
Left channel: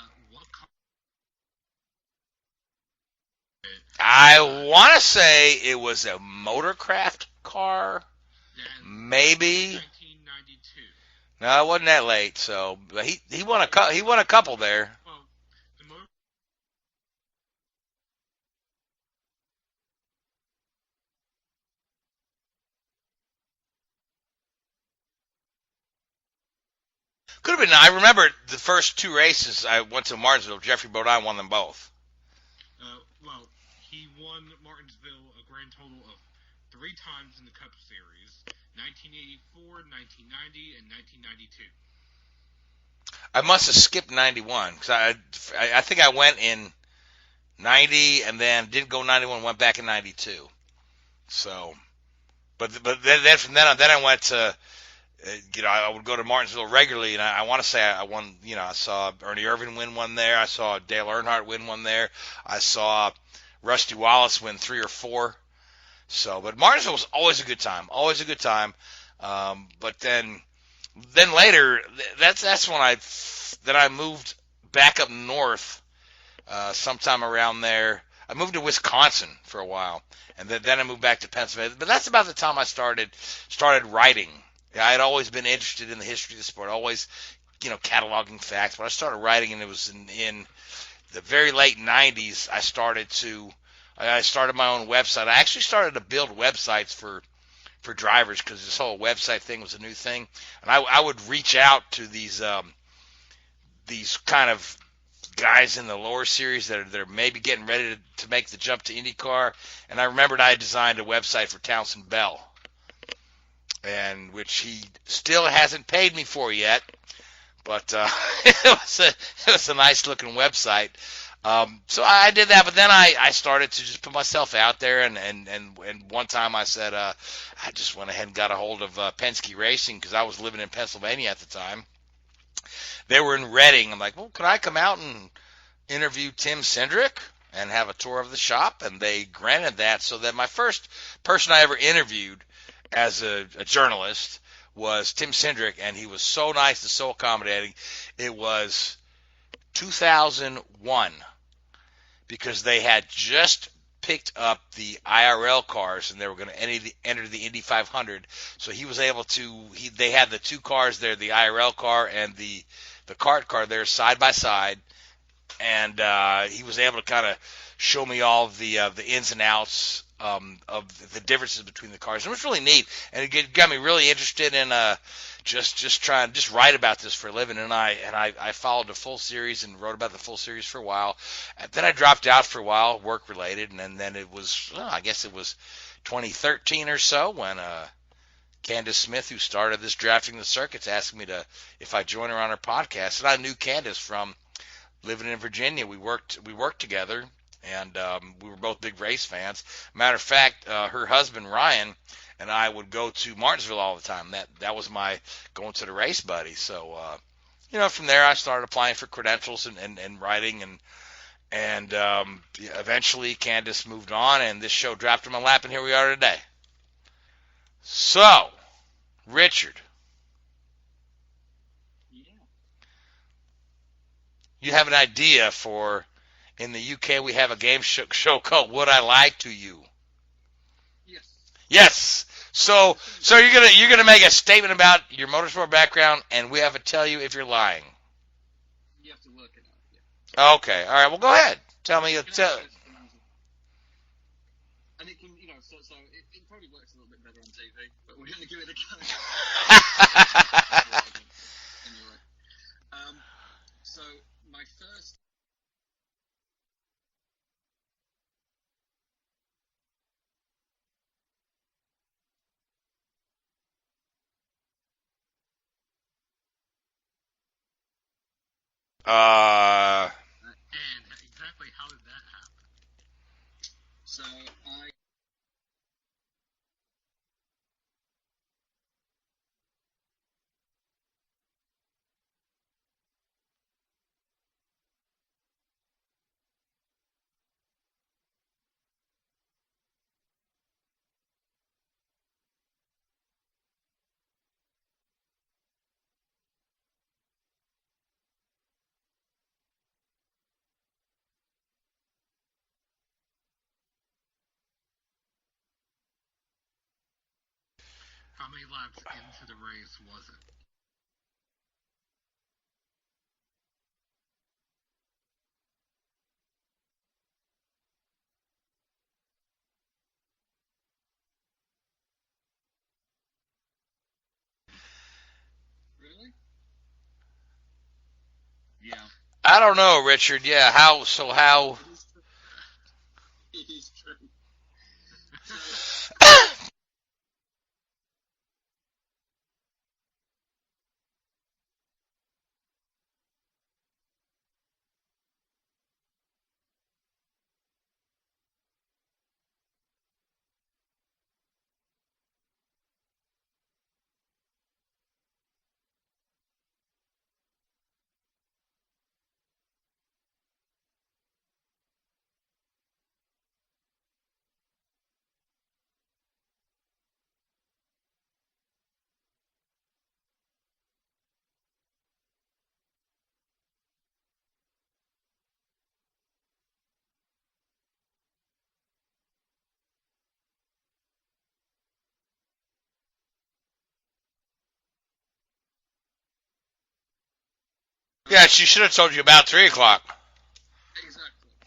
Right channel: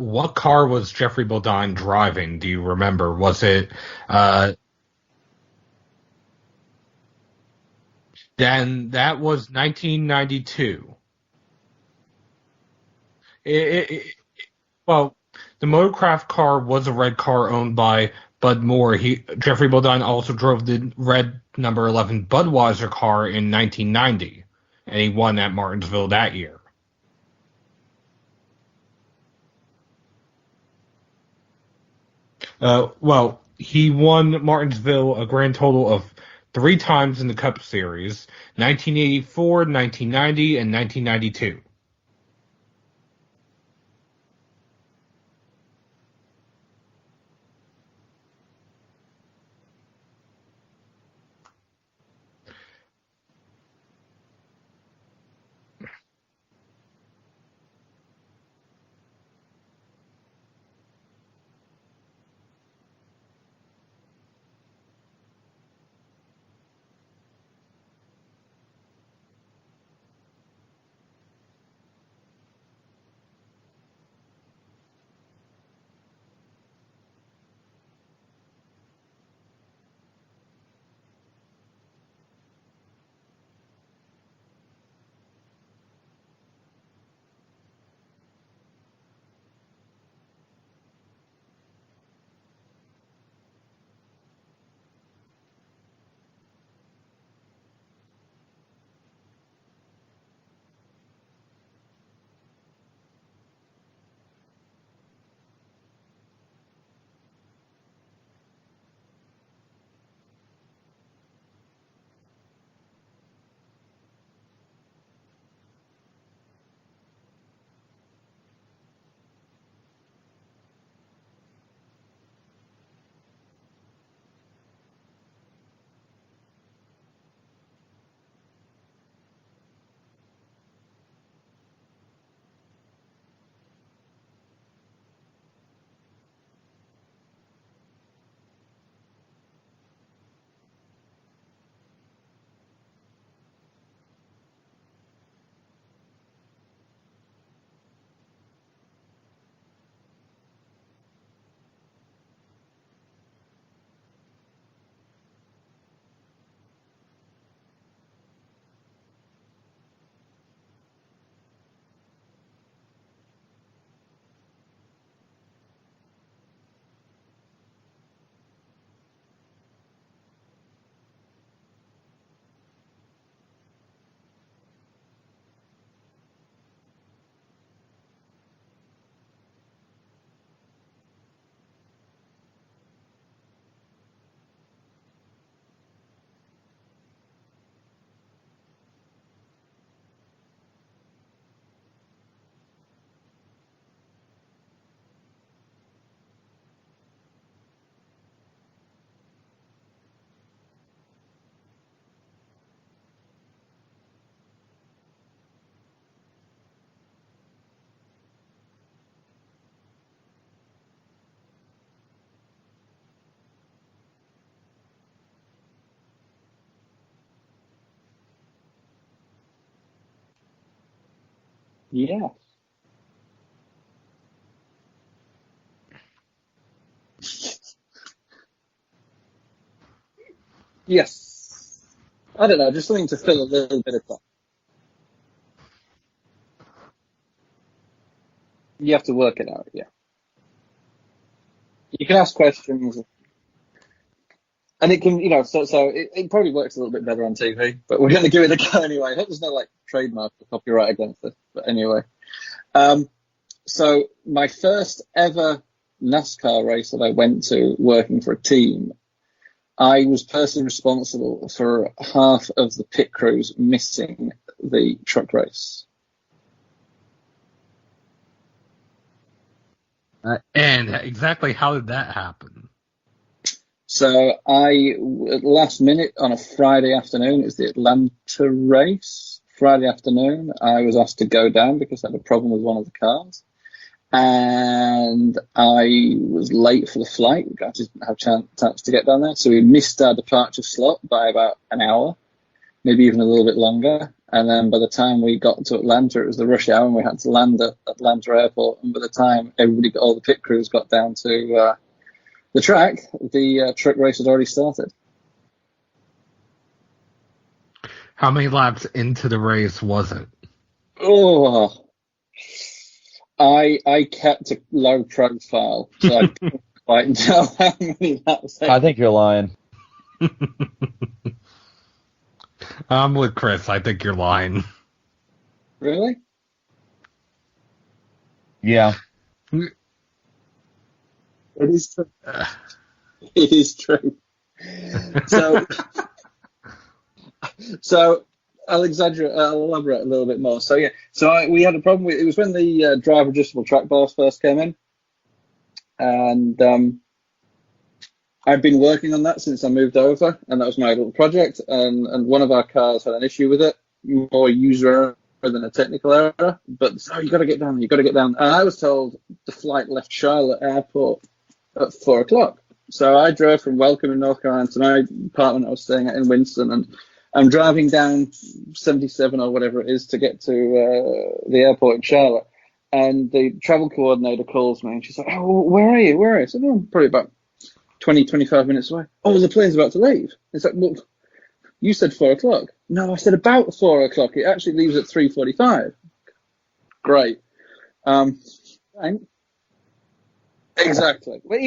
What car was Jeffrey Bodine driving? Do you remember? Was it? I want to say it was a motorcraft car. Then that maybe. Was 1992. No, it wasn't that late. So but he won a couple there. Well, the motorcraft car was a red car owned by Bud Moore. Jeffrey Bodine also drove the red number 11 Budweiser car in 1990, and he won at Martinsville that year. Could have been. I remember the first 2 races I went to Martinsville. Jeffrey Bodine won them both. Well, he won Martinsville a grand total of 3 times in the Cup Series, 1984, 1990, and 1992. I must have skipped 91, because I think I went in 90 and then didn't go 91, went back in 92. So, but then from then on, then I went to I would go to Martinsville regularly, and I want to say I won. I saw Ernie Irvin win one there. I saw Dale Earnhardt win one there. I saw Rusty Wallace win 3 or 4. So, but Martinsville was always a good time. Always a good time. But then later, that's when I moved back up north. Sometime around there, I moved to Wisconsin for a while, and then I moved back to Pennsylvania. But that's about the time I started writing. I had always been interested in the history of the sport, always, cataloging facts. But I started writing, and it was in the very late '90s. I started my own website. I actually started to build websites for drivers because this whole website thing was a new thing, and I would reach out to these kind of guys in the lower series that are maybe getting ready to make the jump to IndyCar. And I remembered I had designed a website for Townsend Bell, and which he still hasn't paid me for yet, but it was a nice looking website. So I did that, but then I started to just put myself out there, and one time I said I just went ahead and got a hold of Penske Racing because I was living in Pennsylvania at the time. They were in Reading. I'm like, well, could I come out and interview Tim Cindric and have a tour of the shop? And they granted that. So that my first person I ever interviewed as a journalist was Tim Cindric, and he was so nice and so accommodating. It was 2001 because they had just picked up the IRL cars and they were going to enter the Indy 500. So he was able to. They had the 2 cars there, the IRL car and the kart car there side by side, and he was able to kind of show me all of the ins and outs of the differences between the cars. It was really neat, and it got me really interested in just write about this for a living. And I followed the full series and wrote about the full series for a while. And then I dropped out for a while, work related, and then it was I guess it was 2013 or so when Candace Smith, who started this Drafting the Circuits, asked me if I'd join her on her podcast. And I knew Candace from living in Virginia. We worked together, and we were both big race fans. Matter of fact, her husband Ryan and I would go to Martinsville all the time. That was my going to the race buddy. So from there I started applying for credentials and writing, and eventually Candace moved on, and this show dropped in my lap, and here we are today. So, Richard. Yeah. You have an idea for, in the UK we have a game show called Would I Lie to You? Yes. Yes. I don't know. So you're gonna make a statement about your motorsport background, and we have to tell you if you're lying. You have to work it out, yeah. Okay. All right. Well, go ahead. Tell me. You can ask questions. And it can, so it probably works a little bit better on TV, but we're going to give it a go anyway. I hope there's no trademark copyright against us. But anyway, so my first ever NASCAR race that I went to working for a team, I was personally responsible for half of the pit crews missing the truck race. And exactly how did that happen? So last minute on a Friday afternoon, it's the Atlanta race. Friday afternoon, I was asked to go down because I had a problem with one of the cars. And I was late for the flight. I just didn't have a chance to get down there. So we missed our departure slot by about an hour, maybe even a little bit longer. And then by the time we got to Atlanta, it was the rush hour and we had to land at Atlanta Airport. And by the time all the pit crews got down to the track, the truck race had already started. How many laps into the race was it? Oh, I kept a low profile, so I couldn't quite tell how many laps. I think you're lying. I'm with Chris. I think you're lying. Really? Yeah. I don't know, Richard. Yeah, how? It is true. So I'll elaborate a little bit more. So we had a problem with it. Was when the driver adjustable track bars first came in, and I've been working on that since I moved over, and that was my little project. And one of our cars had an issue with it, more user error than a technical error. But you got to get down. You got to get down. And I was told the flight left Charlotte Airport at 4:00. So I drove from Welcome in North Carolina to my apartment I was staying at in Winston, and I'm driving down 77 or whatever it is to get to the airport in Charlotte. And the travel coordinator calls me, and she's like, "Oh, where are you? Where are you?" I said, "Oh, I'm probably about 20, 25 minutes away." "Oh, the plane's about to leave." It's like, "Well, you said 4:00. "No, I said about 4:00. It actually leaves at 3:45. Great. Yeah, she should have told you about 3:00. Exactly. Well,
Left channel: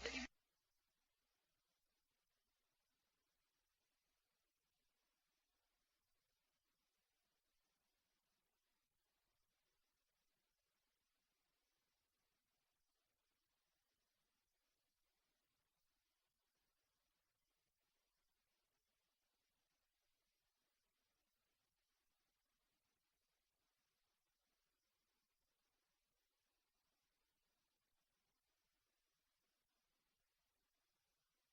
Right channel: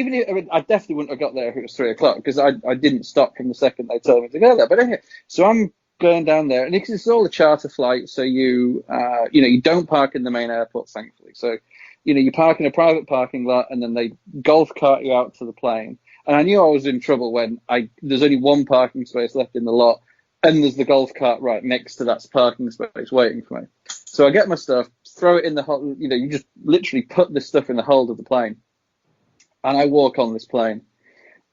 I definitely wouldn't have got there if it was 3:00 because I didn't stop from the second they told me to go there. But anyway, so I'm going down there, and because it's all a charter flight, so you don't park in the main airport, thankfully. So, you park in a private parking lot, and then they golf cart you out to the plane. And I knew I was in trouble when there's only one parking space left in the lot, and there's the golf cart right next to that parking space waiting for me. So I get my stuff, throw it in the hold. You just literally put this stuff in the hold of the plane. And I walk on this plane,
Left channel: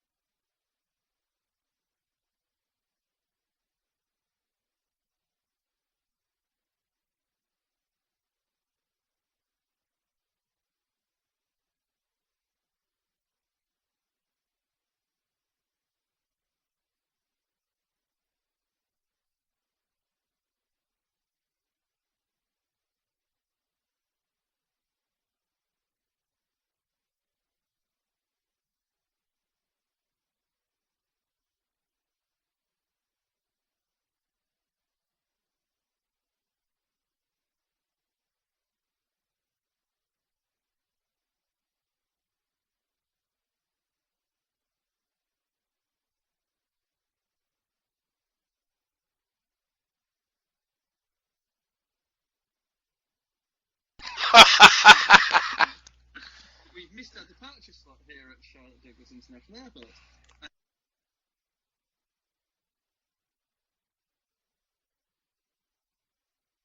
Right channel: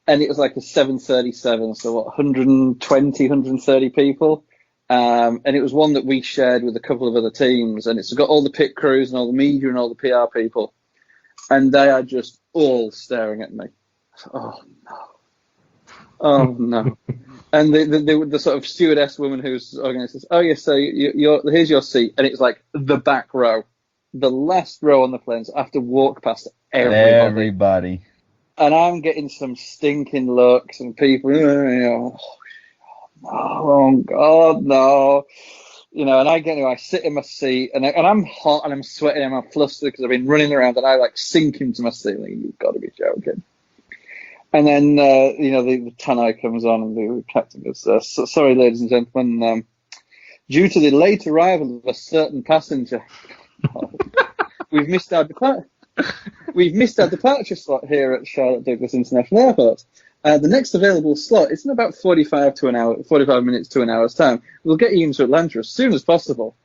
and it was like a 737, so 120, 130 people. And it was one that we shared with a couple of other teams, and it's got all the pit crews and all the media and all the PR people. And they are just all staring at me. Oh, no. Oh, no. And the sort of stewardess woman who's organized says, "Oh, yes, so here's your seat." And it's like the back row. The last row on the plane, so I have to walk past everybody. And I'm getting some stinking looks and people, oh God, no. And I sit in my seat and I'm hot and I'm sweating and I'm flustered because I've been running around, and I sink into my seat. You've got to be joking. And then, the tannoy comes on, and the captain goes, "Sorry, ladies and gentlemen, due to the late arrival of a certain passenger, we've missed our departure slot here at Charlotte Douglas International Airport. The next available slot is in about 45 minutes to an hour's time. We'll get you into Atlanta as soon as possible."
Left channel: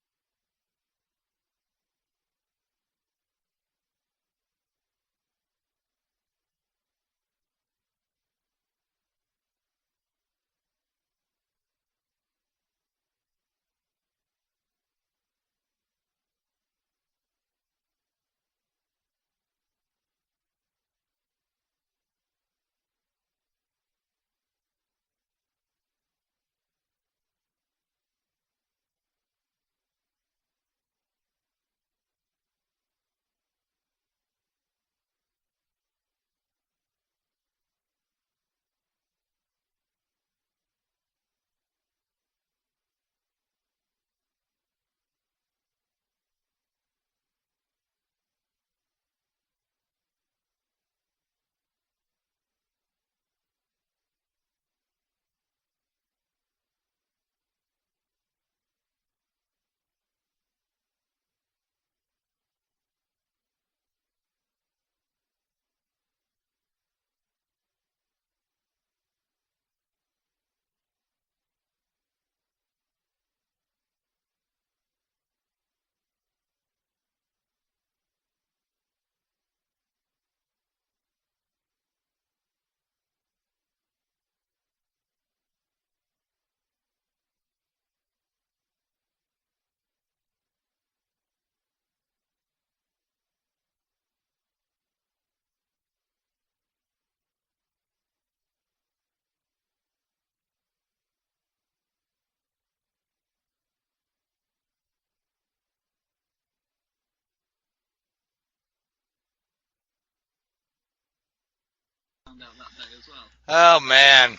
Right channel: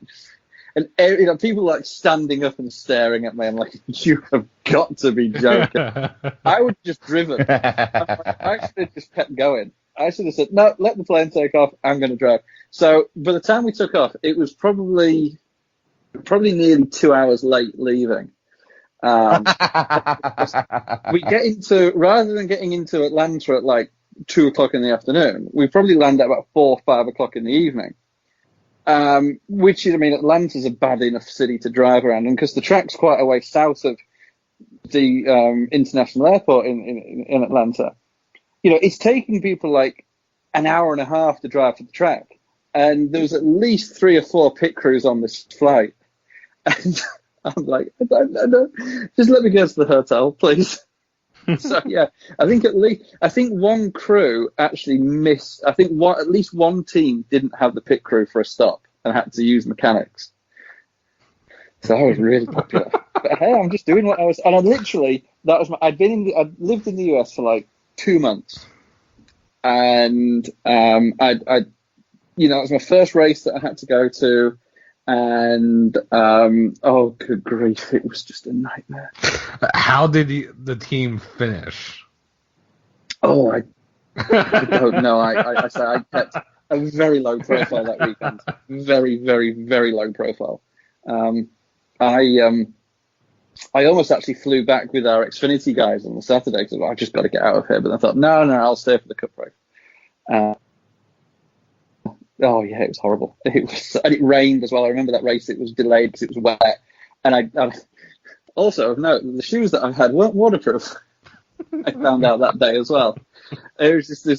And people standing up and staring at me. I'm like, "You have got to be joking." I would have just driven. I should have just kept going. I should have said, "No, let the plane take off. I'm going to drive." So by the time we took off, it was probably nearly 2 hours late leaving. We rather than getting into Atlanta at 2:00 in the afternoon, we probably land at about 4 or 5 o'clock in the evening. Which is, Atlanta's a bad enough city to drive around, and because the track's quite a way south of the international airport in Atlanta, it's taking people an hour and a half to drive to the track, and there was at least 3 or 4 pit crews on this flight, and I'm like, I don't, just let me go to the hotel, please. So yeah, I think one crew actually missed. I think at least one team didn't have the pit crew for a stop and had to use mechanics. So I was really popular. But hey, I'm just doing what I was, and I'd lived in the US for 2 months, and it was my first race that I had to go to. And oh, good grief, it was just a nightmare. How did the team finish? Oh, I don't know. I kept a very low profile that weekend. Very, very, very low profile. I almost actually flew back with our Xfinity guys on the Saturday because I just got to get out of here. But I thought, no, I'll stay for the Cup race. Oh yeah, it was horrible. And it rained as well. I remember that race; it was delayed because it was wet. And I also of note, the shoes that I had weren't waterproof. I found out that day as well. Oh man!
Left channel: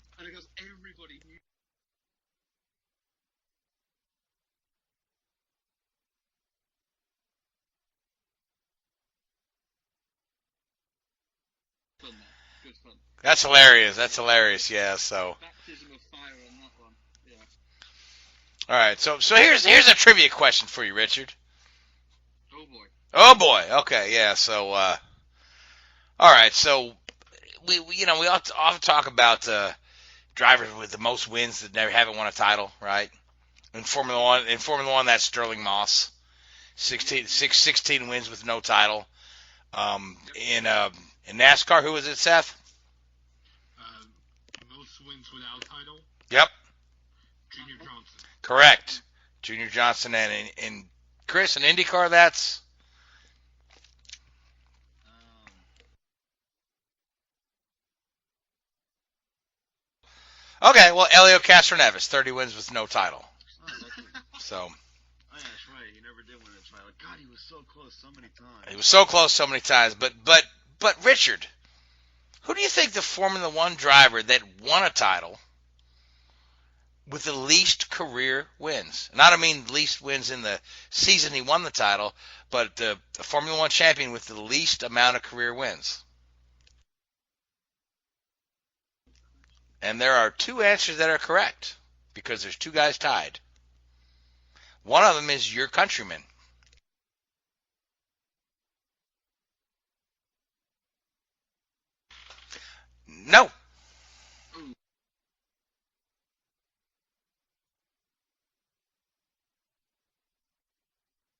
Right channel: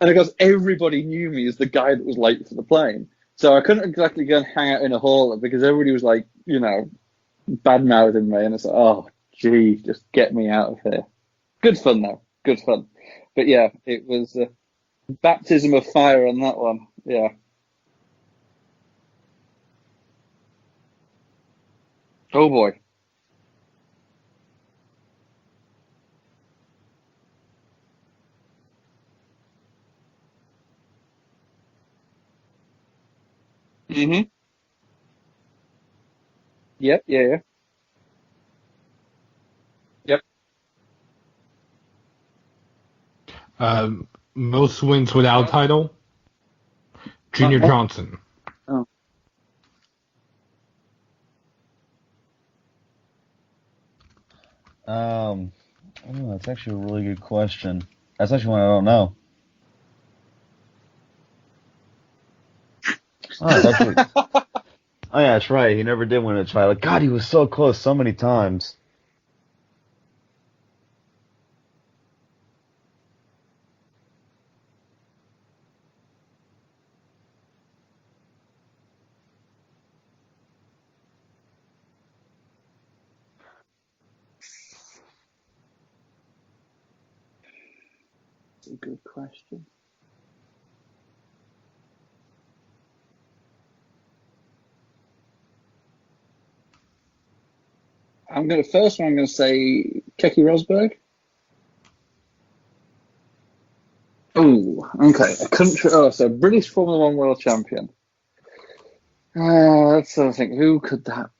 And of course, everybody knew me as the guy that was late for the plane. So I couldn't exactly go and hang out in a hall because everybody was bad mouthing me, and it's like, oh gee, just get me out of here. Good fun though. Good fun. That's hilarious. That's hilarious. Yeah. So baptism of fire in that one. Yeah. All right. So here's a trivia question for you, Richard. Oh boy. Okay. Yeah. So all right. So we often talk about drivers with the most wins that never haven't won a title, right? In Formula One, that's Sterling Moss. Yep. 16 wins with no title. Yep. In NASCAR, who was it, Seth? Most wins without title? Yep. Junior Johnson. Correct. Junior Johnson and Chris, in IndyCar, that's? Oh, that's actually a really good question. That's actually one I don't know. Okay, well, Elio Castroneves, 30 wins with no title. Oh, that's what, So oh yeah, that's right. He never did win a title. God, he was so close so many times. he was so close so many times. But Richard, who do you think the Formula One driver that won a title with the least career wins? And I don't mean least wins in the season he won the title, but the Formula One champion with the least amount of career wins. That's a good question. And there are two answers that are correct because there's two guys tied. One of them is your countryman. I'm going to say Keke Rosberg. No. Oh, okay. So British Formula One world champion. Let's sort of think. Who could that?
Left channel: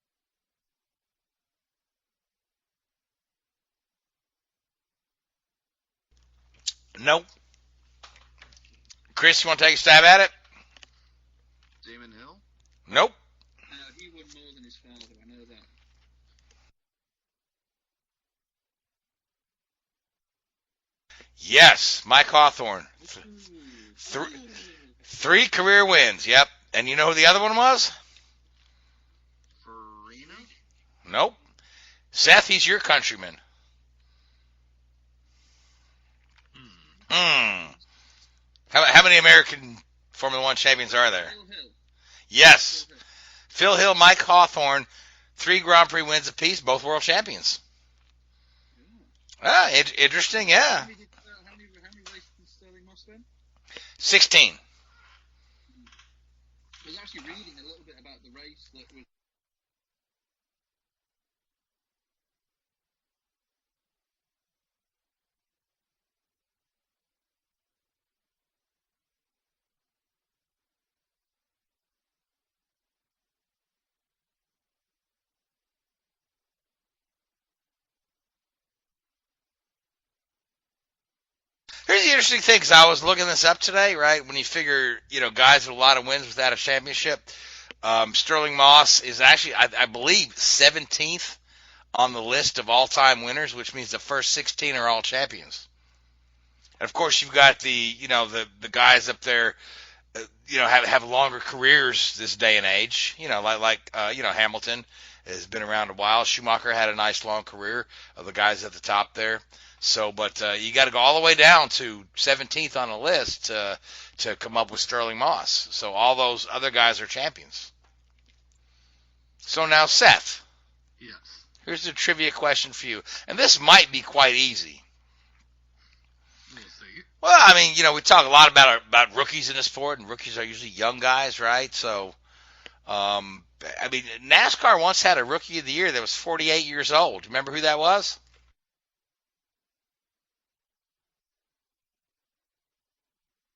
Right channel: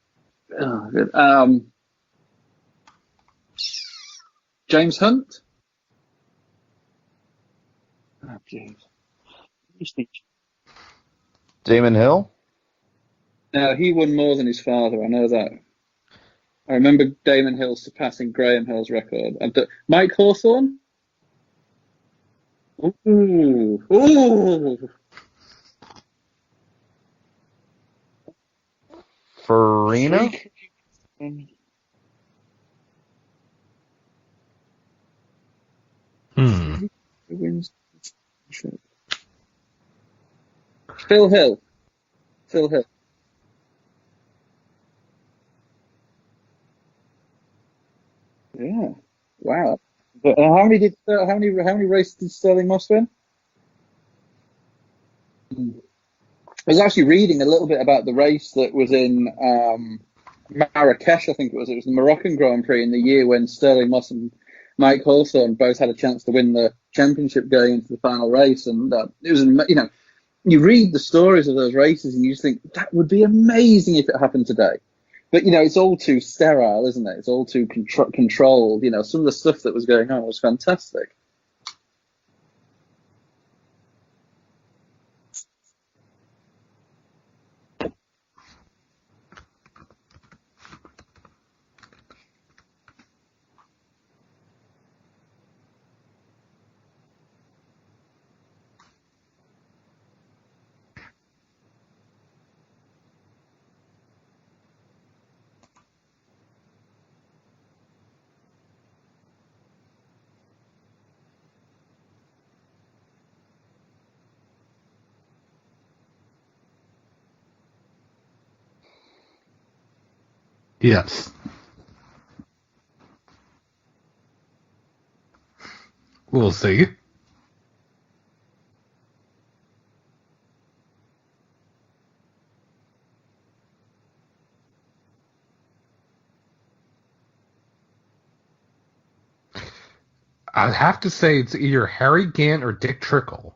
Oh, good. James Hunt. Nope. Oh, jeez. Chris, you want to take a stab at it? Damon Hill? Nope. No, he won more than his father. I know that. I remember Damon Hill surpassing Graham Hill's record. Mike Hawthorne. Yes, Mike Hawthorne. Ooh. 3 career wins, yep. And you know who the other one was? Farina? Nope. Seth, he's your countryman. How many American Formula One champions are Phil there? Hill. Yes. Phil Hill, Mike Hawthorne, 3 Grand Prix wins apiece, both world champions. Yeah. Wow. Interesting. So yeah. how many races did Sterling Moss win? 16. I was actually reading a little bit about the race that was in Marrakesh, I think it was. It was the Moroccan Grand Prix in the year when Sterling Moss and Mike Hawthorne both had a chance to win the championship going into the final race. And it was, you read the stories of those races and you just think that would be amazing if it happened today. But, it's all too sterile, isn't it? It's all too controlled. Some of the stuff that was going on was fantastic. Here's the interesting thing, because I was looking this up today, right? When you figure, guys with a lot of wins without a championship, Sterling Moss is actually, I believe, 17th on the list of all-time winners, which means the first 16 are all champions. And, of course, you've got the guys up there, have longer careers this day and age, like Hamilton has been around a while. Schumacher had a nice long career of the guys at the top there. So, but you got to go all the way down to 17th on the list to come up with Sterling Moss. So all those other guys are champions. So now, Seth. Yes. Here's a trivia question for you. And this might be quite easy. We'll see. Well, I mean, we talk a lot about rookies in the sport, and rookies are usually young guys, right? So, NASCAR once had a Rookie of the Year that was 48 years old. Remember who that was? I'd have to say it's either Harry Gant or Dick Trickle.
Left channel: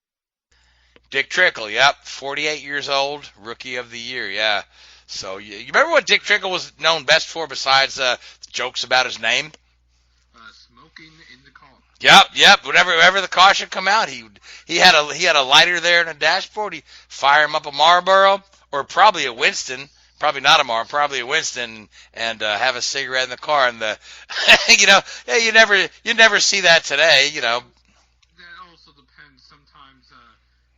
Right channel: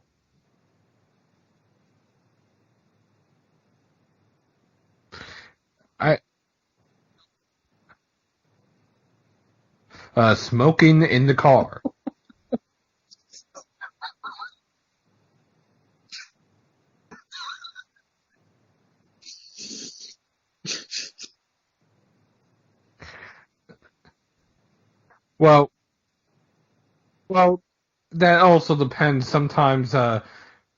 Dick Trickle, yep. 48 years old, Rookie of the Year, yeah. So, you remember what Dick Trickle was known best for besides jokes about his name? Smoking in the car. Yep. Whenever the car should come out, he had a lighter there in the dashboard. He'd fire him up a Marlboro or probably a Winston. Probably not a Marlboro, probably a Winston, and have a cigarette in the car. And you never see that today. That also depends sometimes.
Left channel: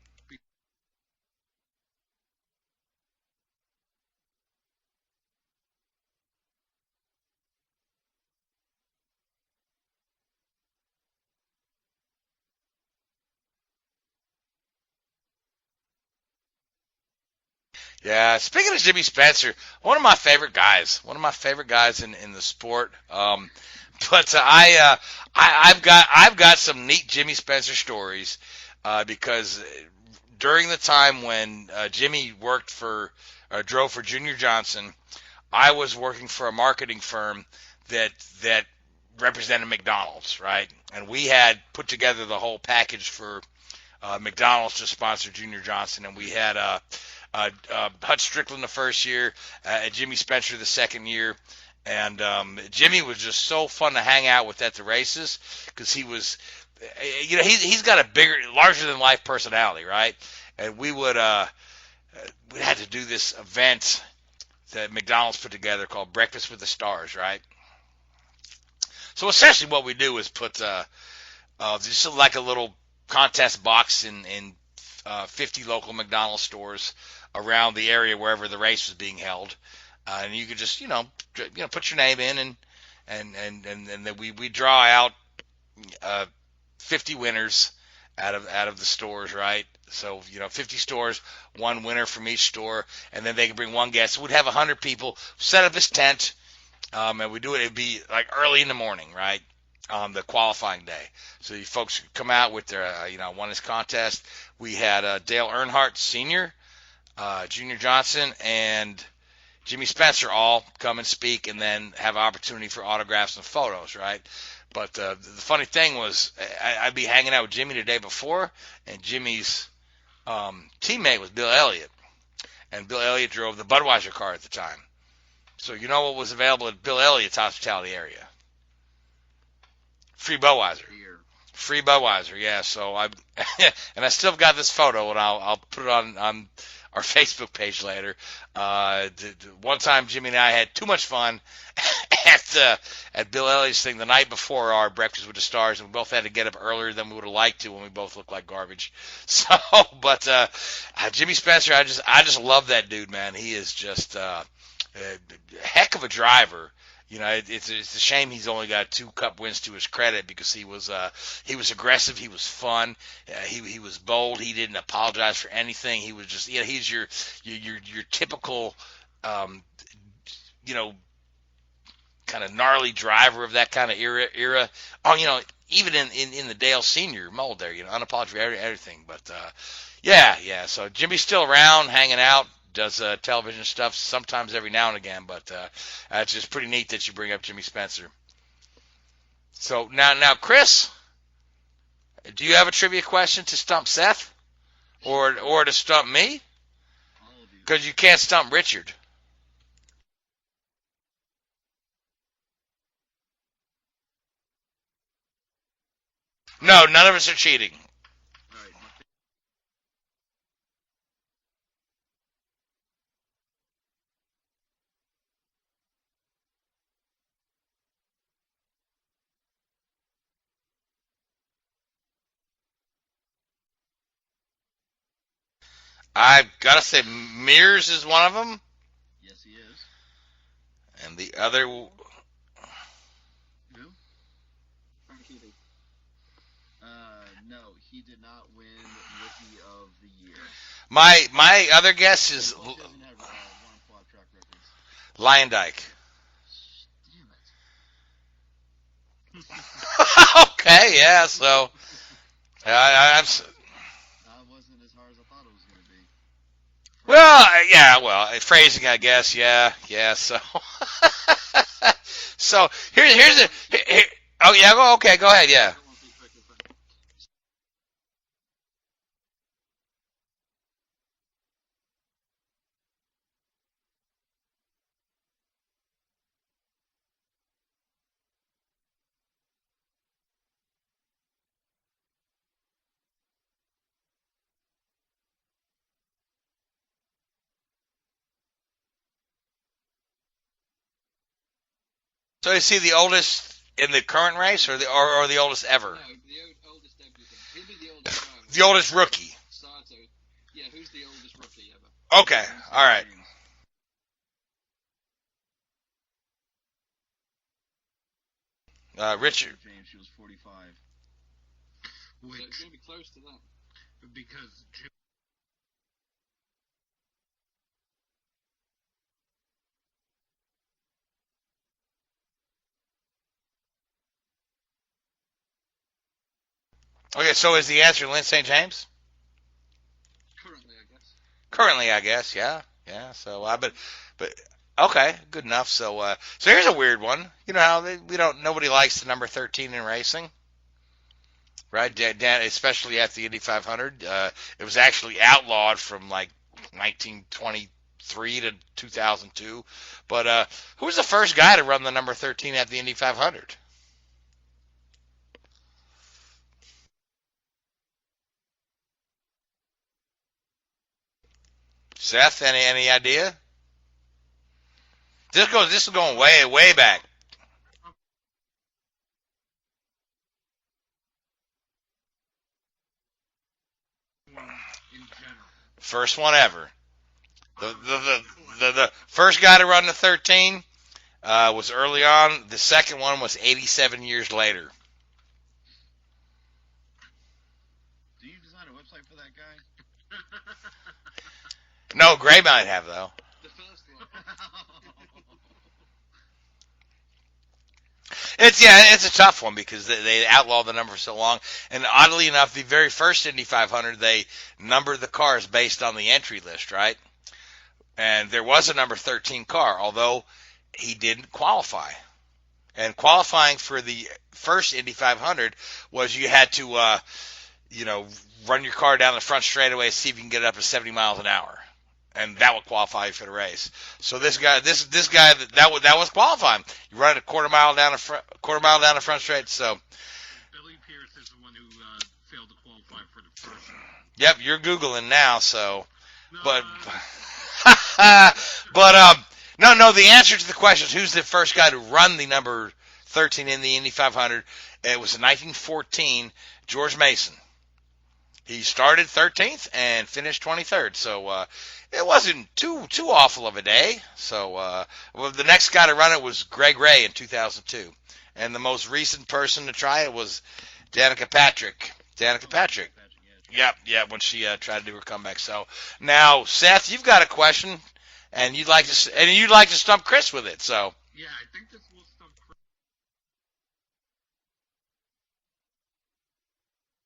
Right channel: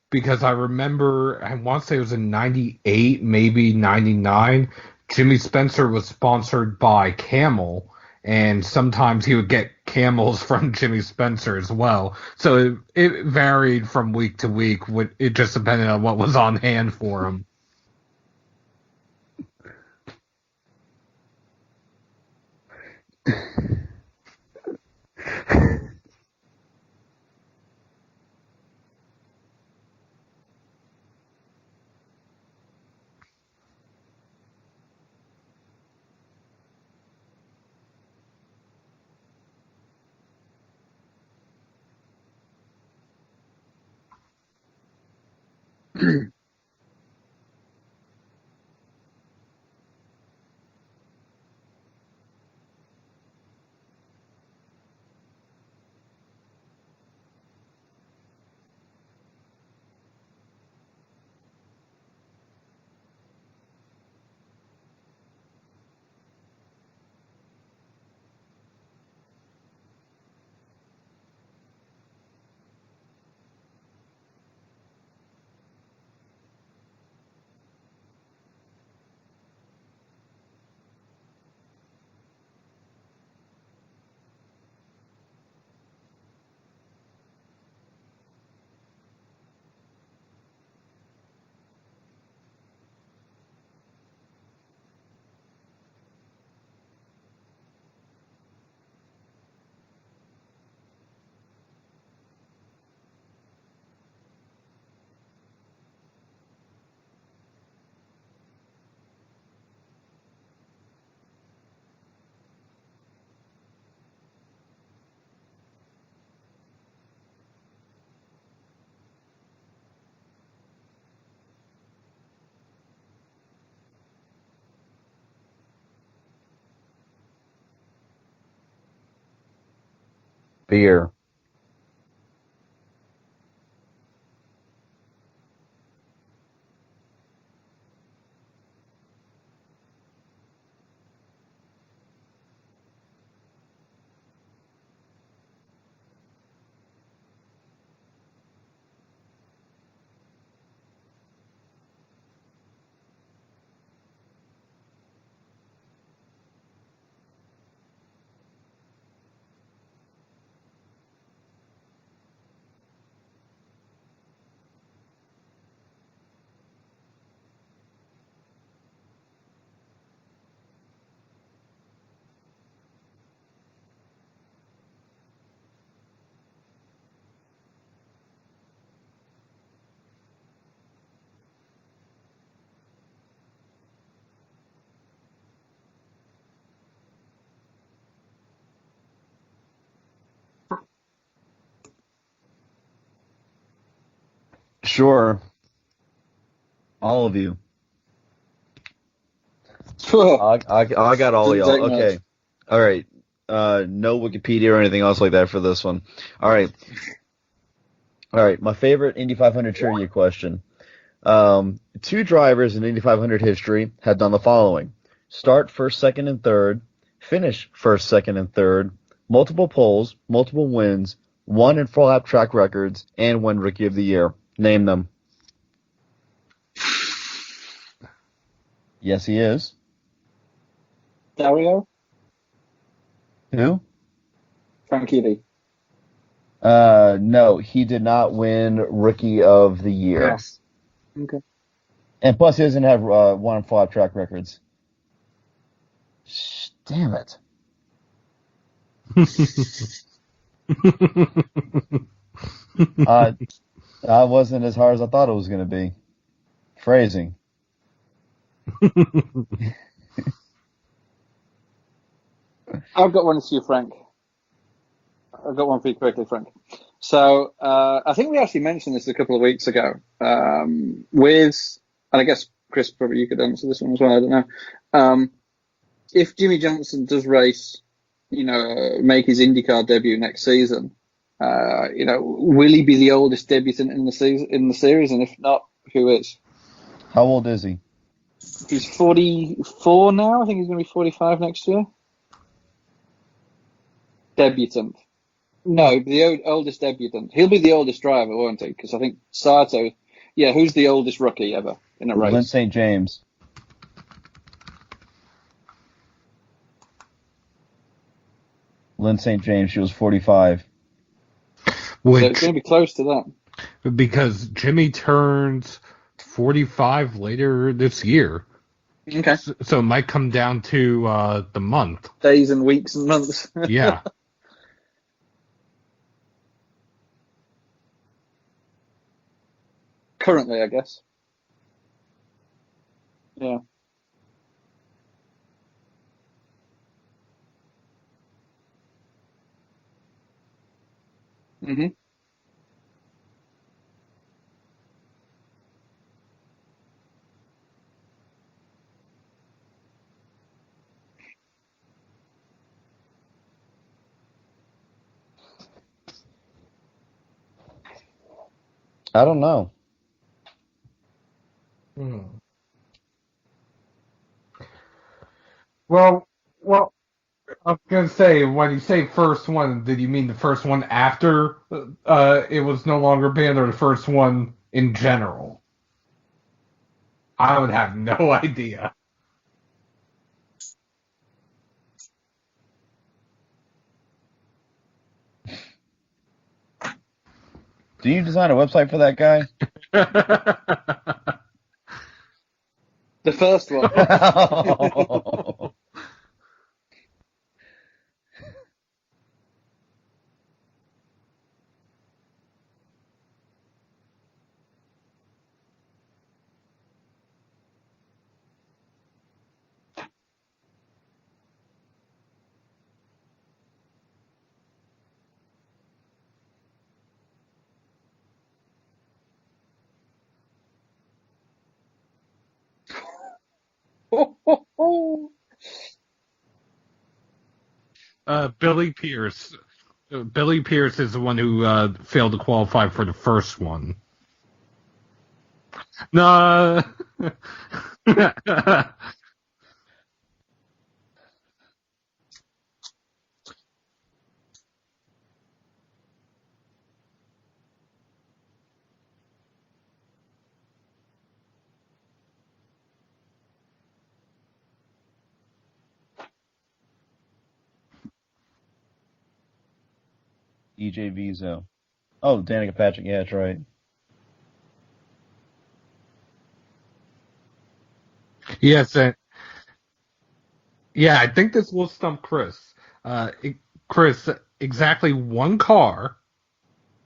Because I remember, I want to say it was in 98, maybe 99, Jimmy Spencer was sponsored by Camel, and sometimes he would get Camels from Jimmy Spencer as well. So it varied from week to week. It just depended on what was on hand for him. Yeah, speaking of Jimmy Spencer, one of my favorite guys in the sport. But I've got some neat Jimmy Spencer stories because during the time when Jimmy drove for Junior Johnson, I was working for a marketing firm that represented McDonald's, right? And we had put together the whole package for McDonald's to sponsor Junior Johnson. We had Hutch Strickland the first year, Jimmy Spencer the second year, and Jimmy was just so fun to hang out with at the races because he was. He's got a larger than life personality, right? And we would we had to do this event that McDonald's put together called Breakfast with the Stars, right? So essentially what we do is put just like a little contest box in 50 local McDonald's stores around the area wherever the race was being held, and you could just put your name in, and then we draw out 50 winners out of the stores, right? So 50 stores, one winner from each store, and then they can bring one guest. So we'd have 100 people set up this tent, and we do it. It'd be like early in the morning, right? On the qualifying day. So you folks come out with their, won this contest. We had Dale Earnhardt Sr., Junior Johnson, and Jimmy Spencer all come and speak, and then have an opportunity for autographs and photos, right? But the funny thing was, I'd be hanging out with Jimmy the day before, and Jimmy's teammate was Bill Elliott, and Bill Elliott drove the Budweiser car at the time. So you know what was available at Bill Elliott's hospitality area? Free Budweiser. Beer. Free Budweiser, yeah. So and I still got this photo, and I'll put it on our Facebook page later. One time, Jimmy and I had too much fun at Bill Elliott's thing the night before our Breakfast with the Stars, and we both had to get up earlier than we would have liked to when we both looked like garbage. So, but Jimmy Spencer, I just love that dude, man. He is just a heck of a driver. It's a shame he's only got 2 Cup wins to his credit, because he was aggressive, he was fun, he was bold, he didn't apologize for anything. He was just he's your typical kind of gnarly driver of that kind of era. Oh, even in the Dale Senior mold there, unapologetic for everything. But yeah. So Jimmy's still around, hanging out. Does television stuff sometimes every now and again, but it's just pretty neat that you bring up Jimmy Spencer. So now, Chris, do you have a trivia question to stump Seth? Sure. Or to stump me? All of you. Because you can't stump Richard. I got all of y'all. Okay. All right. No Wikipedia or anything else like that for this one. All right. No, none of us are cheating. All right. My favorite Indy 500 trivia question. 2 drivers in Indy 500 history had done the following: start first, second, and third, finish first, second, and third, multiple poles, multiple wins, won and full lap track records, and won Rookie of the Year. Name them. I've got to say, Mears is one of them. Yes, he is. And the other... Who? Frankie Lee. No, he did not win Rookie of the Year. Yes. My other guess And is... plus, he doesn't have won and full lap track records. Lyondike. Damn it. Okay, yeah, so... That wasn't as hard as I thought it was going to be. Phrasing. Phrasing, I guess, yeah, so... So, I've got here's one for you, Frank. go ahead, I've got yeah. one for you quickly, Frank. So, I think we actually mentioned this a couple of weeks ago, and I guess, Chris, probably you could answer this one as well, I don't know. If Jimmy Johnson does race, make his IndyCar debut next season, will he be the oldest debutant in the series? And if not, who is? How old is he? He's 44 now. I think he's going to be 45 next year. So is he the oldest in the current race, or the oldest ever? No, the oldest debutant. He'll be the oldest driver, won't he? The oldest rookie. Sato. Yeah, who's the oldest rookie ever? Okay. St. All right. James. St. Richard. James, she was 45. So it's going to be close to that. Because Jimmy turns 45 later this year. Okay. So it might come down to the month. Days and weeks and months. Yeah. Okay, so is the answer Lynn St. James? Currently, I guess. Currently, I guess, yeah. So, Yeah. But okay, good enough. So, so here's a weird one. You know how nobody likes the number 13 in racing, right? Dan, especially at the Indy 500. It was actually outlawed from like 1923 to 2002. But who was the first guy to run the number 13 at the Indy 500? I don't know. Seth, any idea? This is going way back. I was going to say, when you say first one, did you mean the first one after it was no longer banned, or the first one in general? First one ever. I would have no idea. The first guy to run the 13 was early on. The second one was 87 years later. Do you design a website for that guy? No, Gray might have, though. The first one. It's a tough one because they outlawed the number for so long. And oddly enough, the very first Indy 500, they numbered the cars based on the entry list, right? And there was a number 13 car, although he didn't qualify. And qualifying for the first Indy 500 was you had to, run your car down the front straightaway, see if you can get it up to 70 miles an hour. And that would qualify you for the race. So this guy, that was qualifying. You run it a quarter mile down the front straight. So Billy Pierce is the one who failed to qualify for the first one. Yep, you're Googling now. So no, no. The answer to the question is who's the first guy to run the number 13 in the Indy 500? It was in 1914, George Mason. He started 13th and finished 23rd. So it wasn't too awful of a day. So the next guy to run it was Greg Ray in 2002. And the most recent person to try it was Danica Patrick. Danica Patrick, yeah, that's right. Yep, when she tried to do her comeback. So now, Seth, you've got a question, and you'd like to stump Chris with it. So yeah, I think this will stump Chris. Chris, exactly one car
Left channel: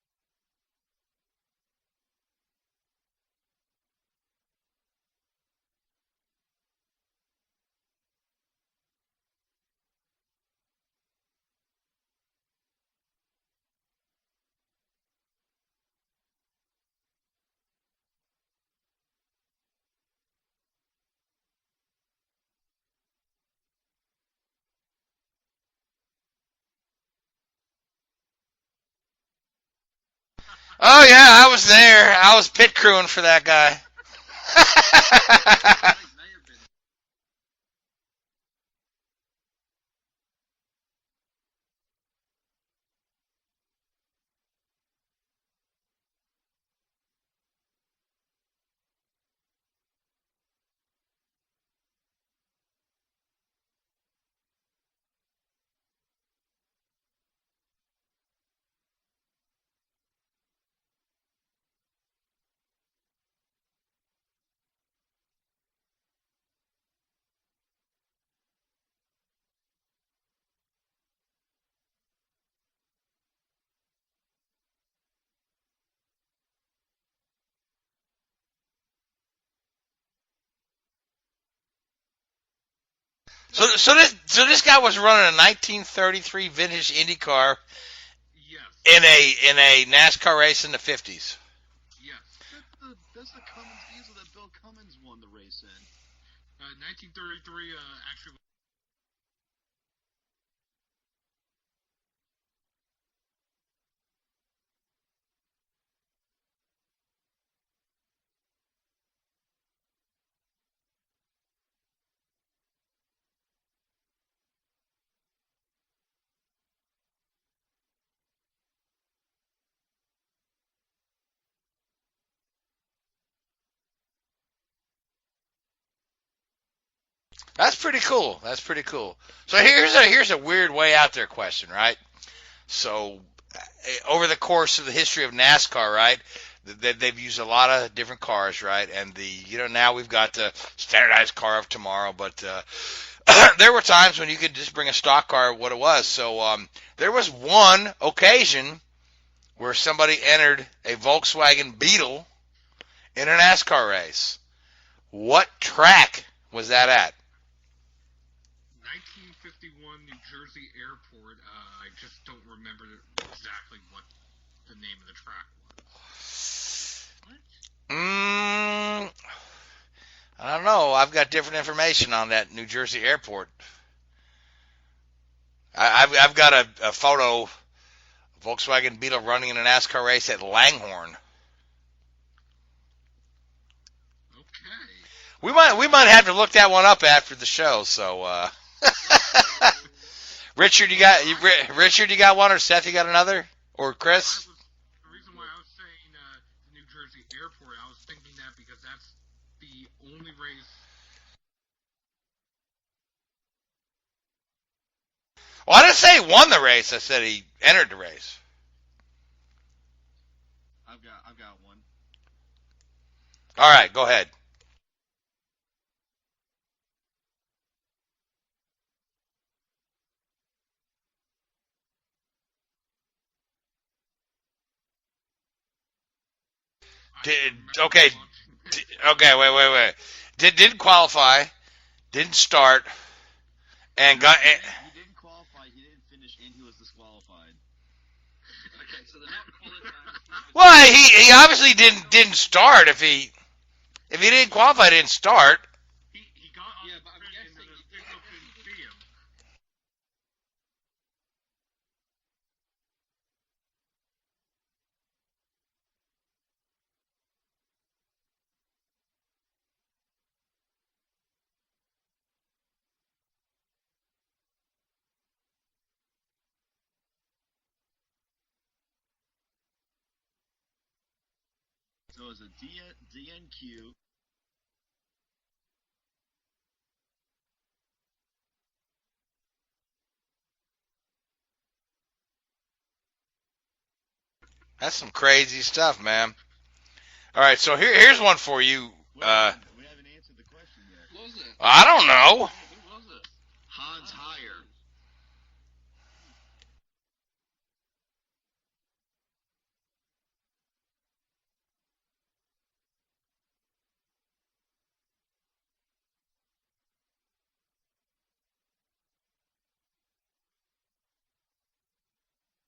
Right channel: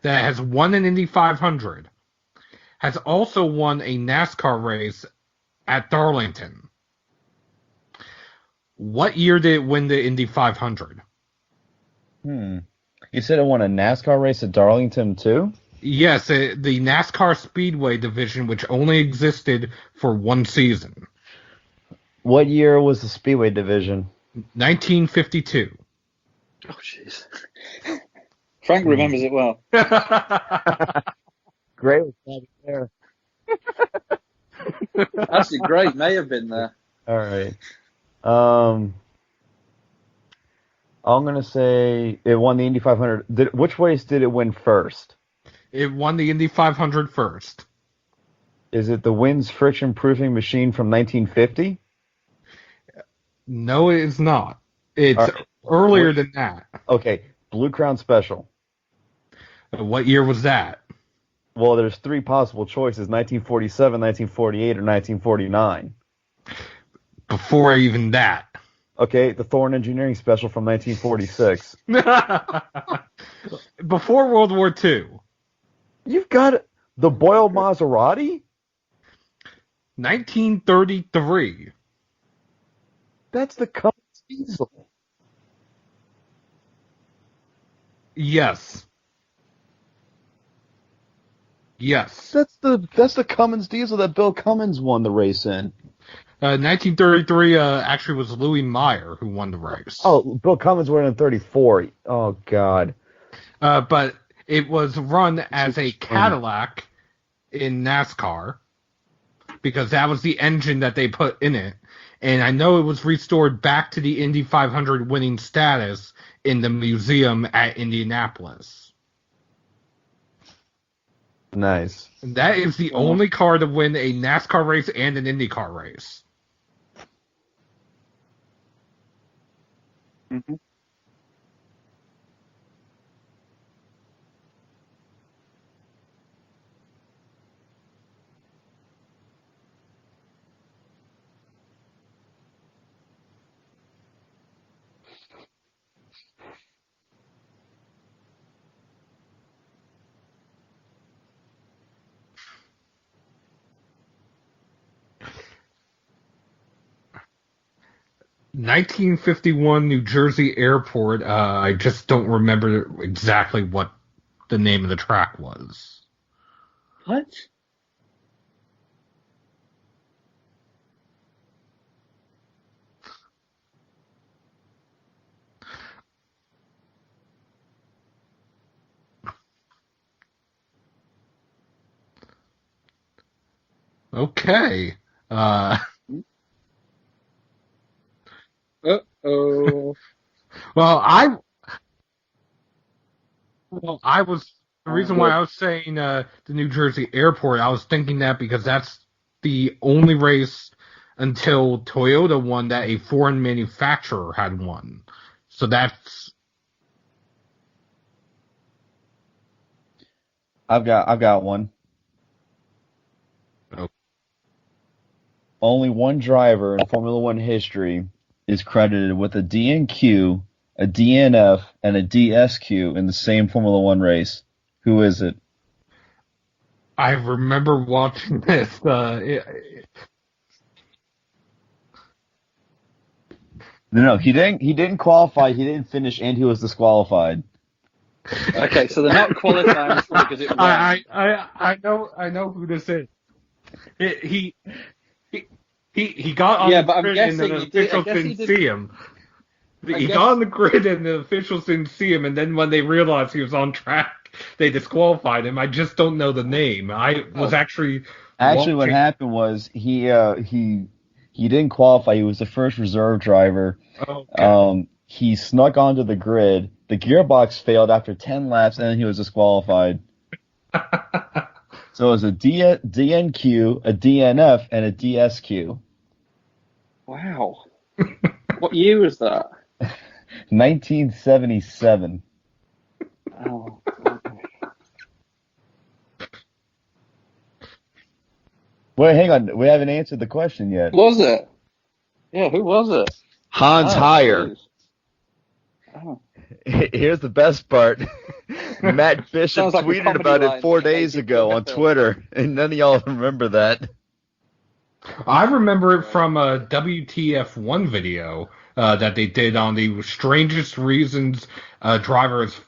that has won an Indy 500 has also won a NASCAR race at Darlington. What year did it win the Indy 500? You said it won a NASCAR race at Darlington, too? Yes, the NASCAR Speedway division, which only existed for one season. What year was the Speedway division? 1952. Oh, jeez. Frank remembers it well. Oh, yeah, I was there. Yeah. I was pit crewing for that guy. That's great. May have been there. All right. I'm going to say it won the Indy 500. Which race did it win first? It won the Indy 500 first. Is it the Wynn's friction proofing machine from 1950? No, it is not. It's earlier than that. Okay, Blue Crown Special. What year was that? Well, there's three possible choices, 1947, 1948, or 1949. Before even that. Okay, the Thorne Engineering Special from 1946. Before World War II. You've got the Boyle Maserati? 1933. So this guy was running a 1933 vintage Indy car. Yes. In a NASCAR race in the 50s. Yes. That's the Cummins diesel that Bill Cummins won the race in. 1933 actually was Louis Meyer who won the race. Oh, Bill Cummins won in 34. Oh, God. But it was run as a Cadillac in NASCAR because that was the engine that they put in it. And I know it was restored back to the Indy 500 winning status in the museum at Indianapolis. Nice. That is the only car to win a NASCAR race and an IndyCar race. That's pretty cool. So here's a weird way out there question, right? So over the course of the history of NASCAR, right, they've used a lot of different cars, right? And now we've got the standardized car of tomorrow, but there were times when you could just bring a stock car, what it was. So there was one occasion where somebody entered a Volkswagen Beetle in a NASCAR race. What track was that at? 1951 New Jersey Airport. I just don't remember exactly what the name of the track was. What? I don't know. I've got different information on that New Jersey Airport. I've got a photo, Volkswagen Beetle running in a NASCAR race at Langhorne. Okay. We might have to look that one up after the show. So, Uh-oh. Richard, Well, Richard, you got one, or Seth, you got another, or Chris? The reason why I was saying the New Jersey airport, I was thinking that because that's the only race until Toyota won that a foreign manufacturer had won. So I didn't say he won the race. I said he entered the race. I've got one. All right, go ahead. Only one driver in Formula One history is credited with a DNQ, a DNF, and a DSQ in the same Formula One race. Who is it? I remember watching this. Okay, wait. Didn't qualify, didn't start. No, he didn't qualify, he didn't finish, and he was disqualified. Okay, so they're not qualifying because it. Well, he obviously didn't start. If he didn't qualify, he didn't start. He got on but I'm the grid and guessing the officials didn't see him. He got on the grid and the officials didn't see him, and then when they realized he was on track, they disqualified him. I just don't know the name. I was actually what happened was he didn't qualify. He was the first reserve driver. Okay. He snuck onto the grid. The gearbox failed after 10 laps, and then he was disqualified. So it was a DNQ, a DNF, and a DSQ. Wow. What year was that? 1977. Oh. That's some crazy stuff, man. All right, so here's one for you. Wait, hang on. We haven't answered the question yet. Was it? I don't know. Yeah, who was it? Hans Heyer. Oh. Here's the best part. Matt Bishop Sounds like a tweeted comedy about line it 4 from days 1950. ago on Twitter, and none of y'all remember that. I remember it from a WTF1 video that they did on the strangest reasons drivers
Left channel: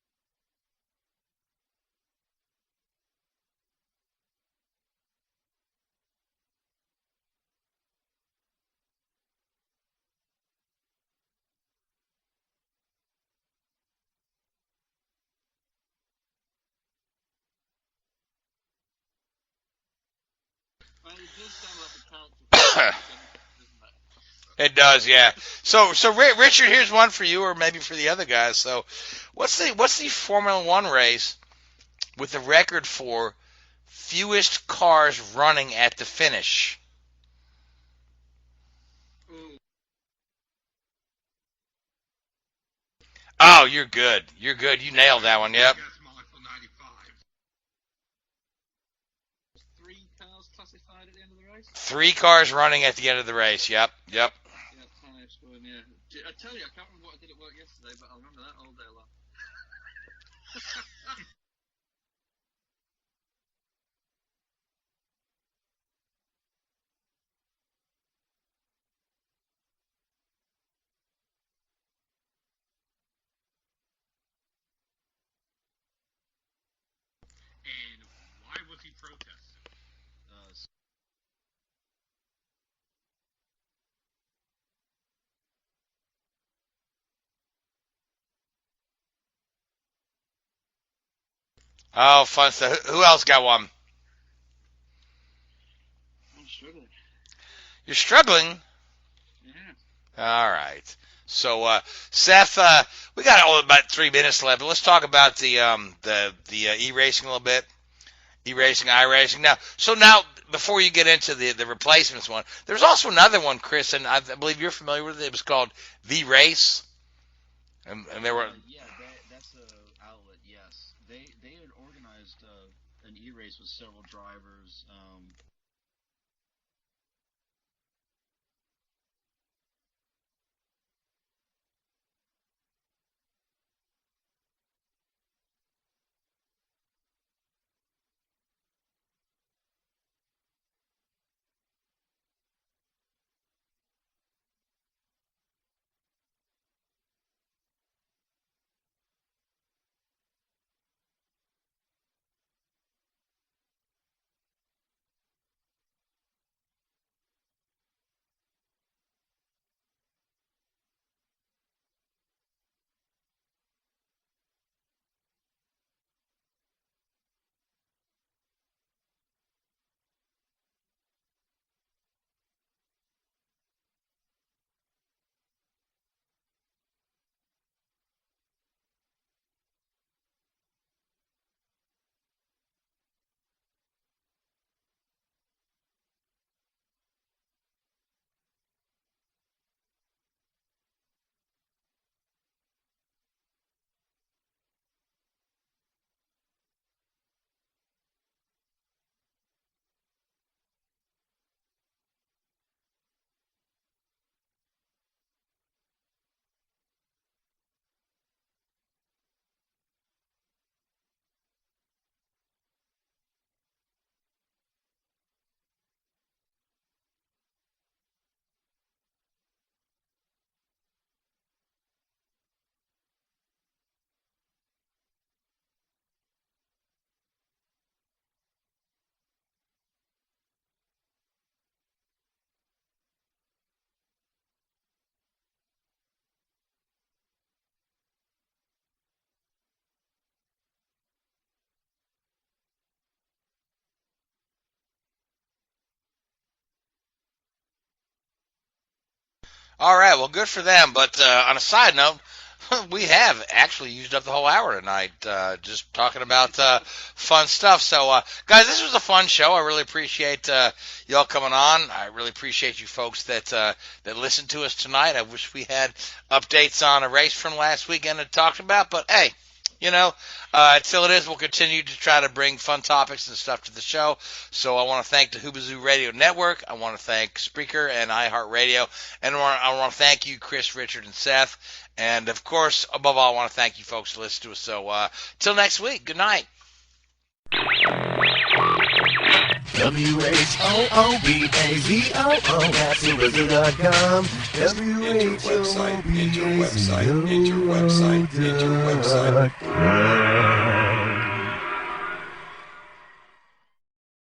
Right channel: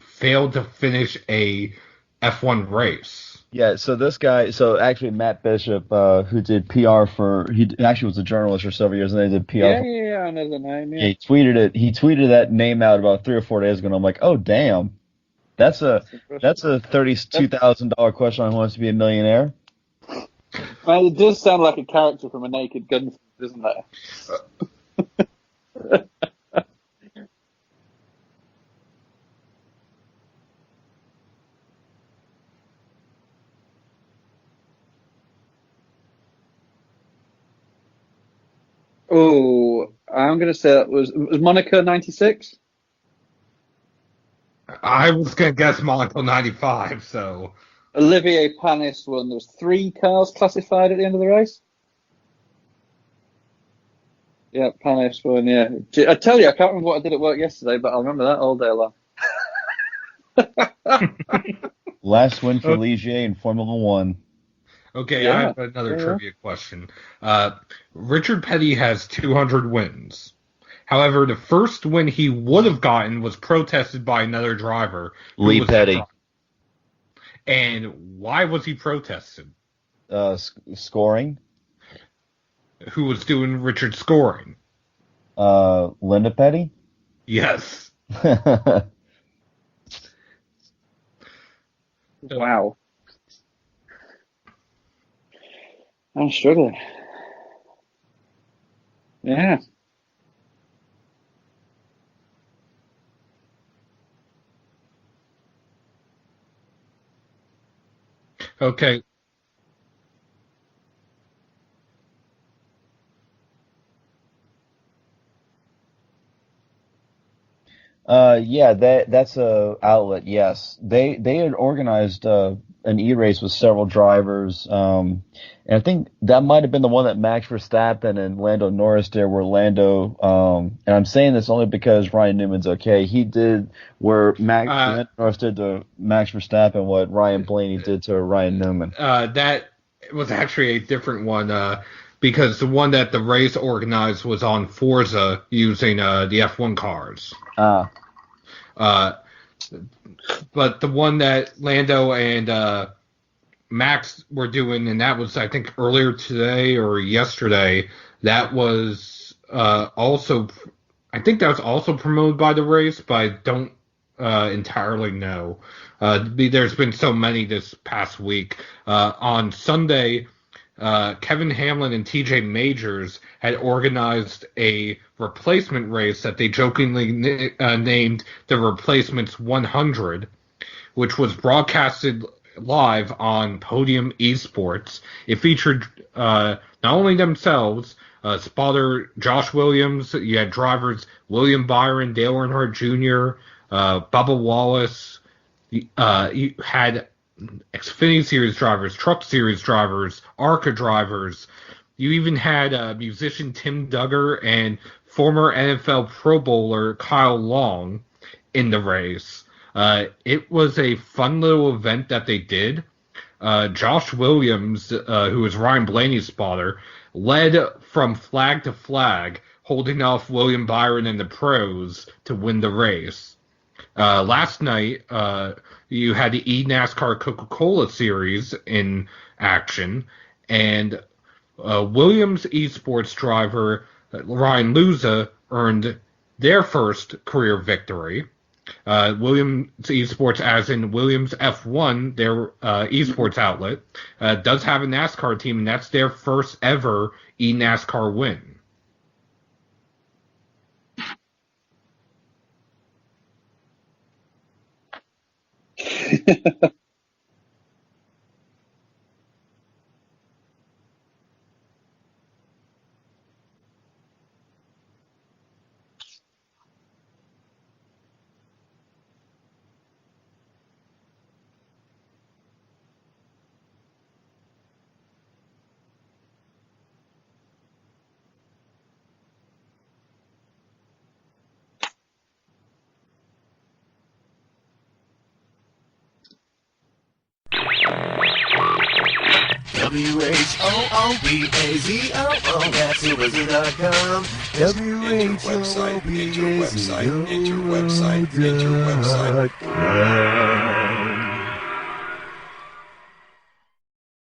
failed to finish a F1 race. Yeah, so this guy, actually Matt Bishop, who did PR he actually was a journalist for several years, and they did PR. Yeah, I know the name. Yeah. He tweeted that name out about 3 or 4 days ago, and I'm like, oh damn, that's a $32,000 question on Who Wants to Be a Millionaire. Well, it does sound like a character from a Naked Gun, doesn't it? It does, yeah. So Richard, here's one for you, or maybe for the other guys. So, what's the Formula One race with the record for fewest cars running at the finish? Oh, I'm going to say that was Monaco 96? Oh, you're good. You're good. You nailed that one. That's Monaco 95, so... Olivier Panis won. There was 3 cars classified at the end of the race? 3 cars running at the end of the race, yep. Yeah, Panis won, yeah. I tell you, I can't remember what I did at work yesterday, but I'll remember that all day long. Last win for Ligier in Formula One. Okay, Yeah. I have another trivia question. Richard Petty has 200 wins. However, the first win he would have gotten was protested by another driver. Lee Petty. And why was he protested? Scoring. Who was doing Richard's scoring? Linda Petty? Yes. Oh, fun. Wow. So who else got one? I'm struggling. You're struggling? Yeah. All right. So, Seth, we got about 3 minutes left, but let's talk about the e-racing a little bit. E-racing, Okay. iRacing. Now, before you get into the replacements one, there's also another one, Chris, and I believe you're familiar with it. It was called The Race. Yeah, that's a outlet. Yes, they had organized an e-race with several drivers, and I think that might have been the one that Max Verstappen and Lando Norris did. Where Lando, and I'm saying this only because Ryan Newman's okay. He did where Lando Norris did to Max Verstappen what Ryan Blaney did to Ryan Newman. That was actually a different one. Because the one that the race organized was on Forza using the F1 cars. But the one that Lando and Max were doing, and that was, I think, earlier today or yesterday, that was also, I think that was also promoted by the race, but I don't entirely know. There's been so many this past week. On Sunday, Kevin Hamlin and TJ Majors had organized a replacement race that they jokingly named the Replacements 100, which was broadcasted live on Podium Esports. It featured not only themselves, spotter Josh Williams, you had drivers William Byron, Dale Earnhardt Jr., Bubba Wallace, you had Xfinity Series drivers, Truck Series drivers, ARCA drivers. You even had musician Tim Duggar and former NFL Pro Bowler Kyle Long in the race. It was a fun little event that they did. Josh Williams, who was Ryan Blaney's spotter, led from flag to flag, holding off William Byron and the pros to win the race. Last night, you had the eNASCAR Coca-Cola Series in action, and Williams eSports driver Ryan Luza earned their first career victory. Williams eSports, as in Williams F1, their esports outlet, does have a NASCAR team, and that's their first ever eNASCAR win. All right, well, good for them. But on a side note, we have actually used up the whole hour tonight just talking about fun stuff. So, guys, this was a fun show. I really appreciate y'all coming on. I really appreciate you folks that listened to us tonight. I wish we had updates on a race from last weekend to talk about. But, hey, you know, until it is, we'll continue to try to bring fun topics and stuff to the show. So I want to thank the Hoobazoo Radio Network. I want to thank Spreaker and iHeartRadio. And I want to thank you, Chris, Richard, and Seth. And, of course, above all, I want to thank you folks for listening to us. So till next week, good night. WHOOBAZOO, that's Hoobazoo.com. Enter website, enter website, enter website, enter website.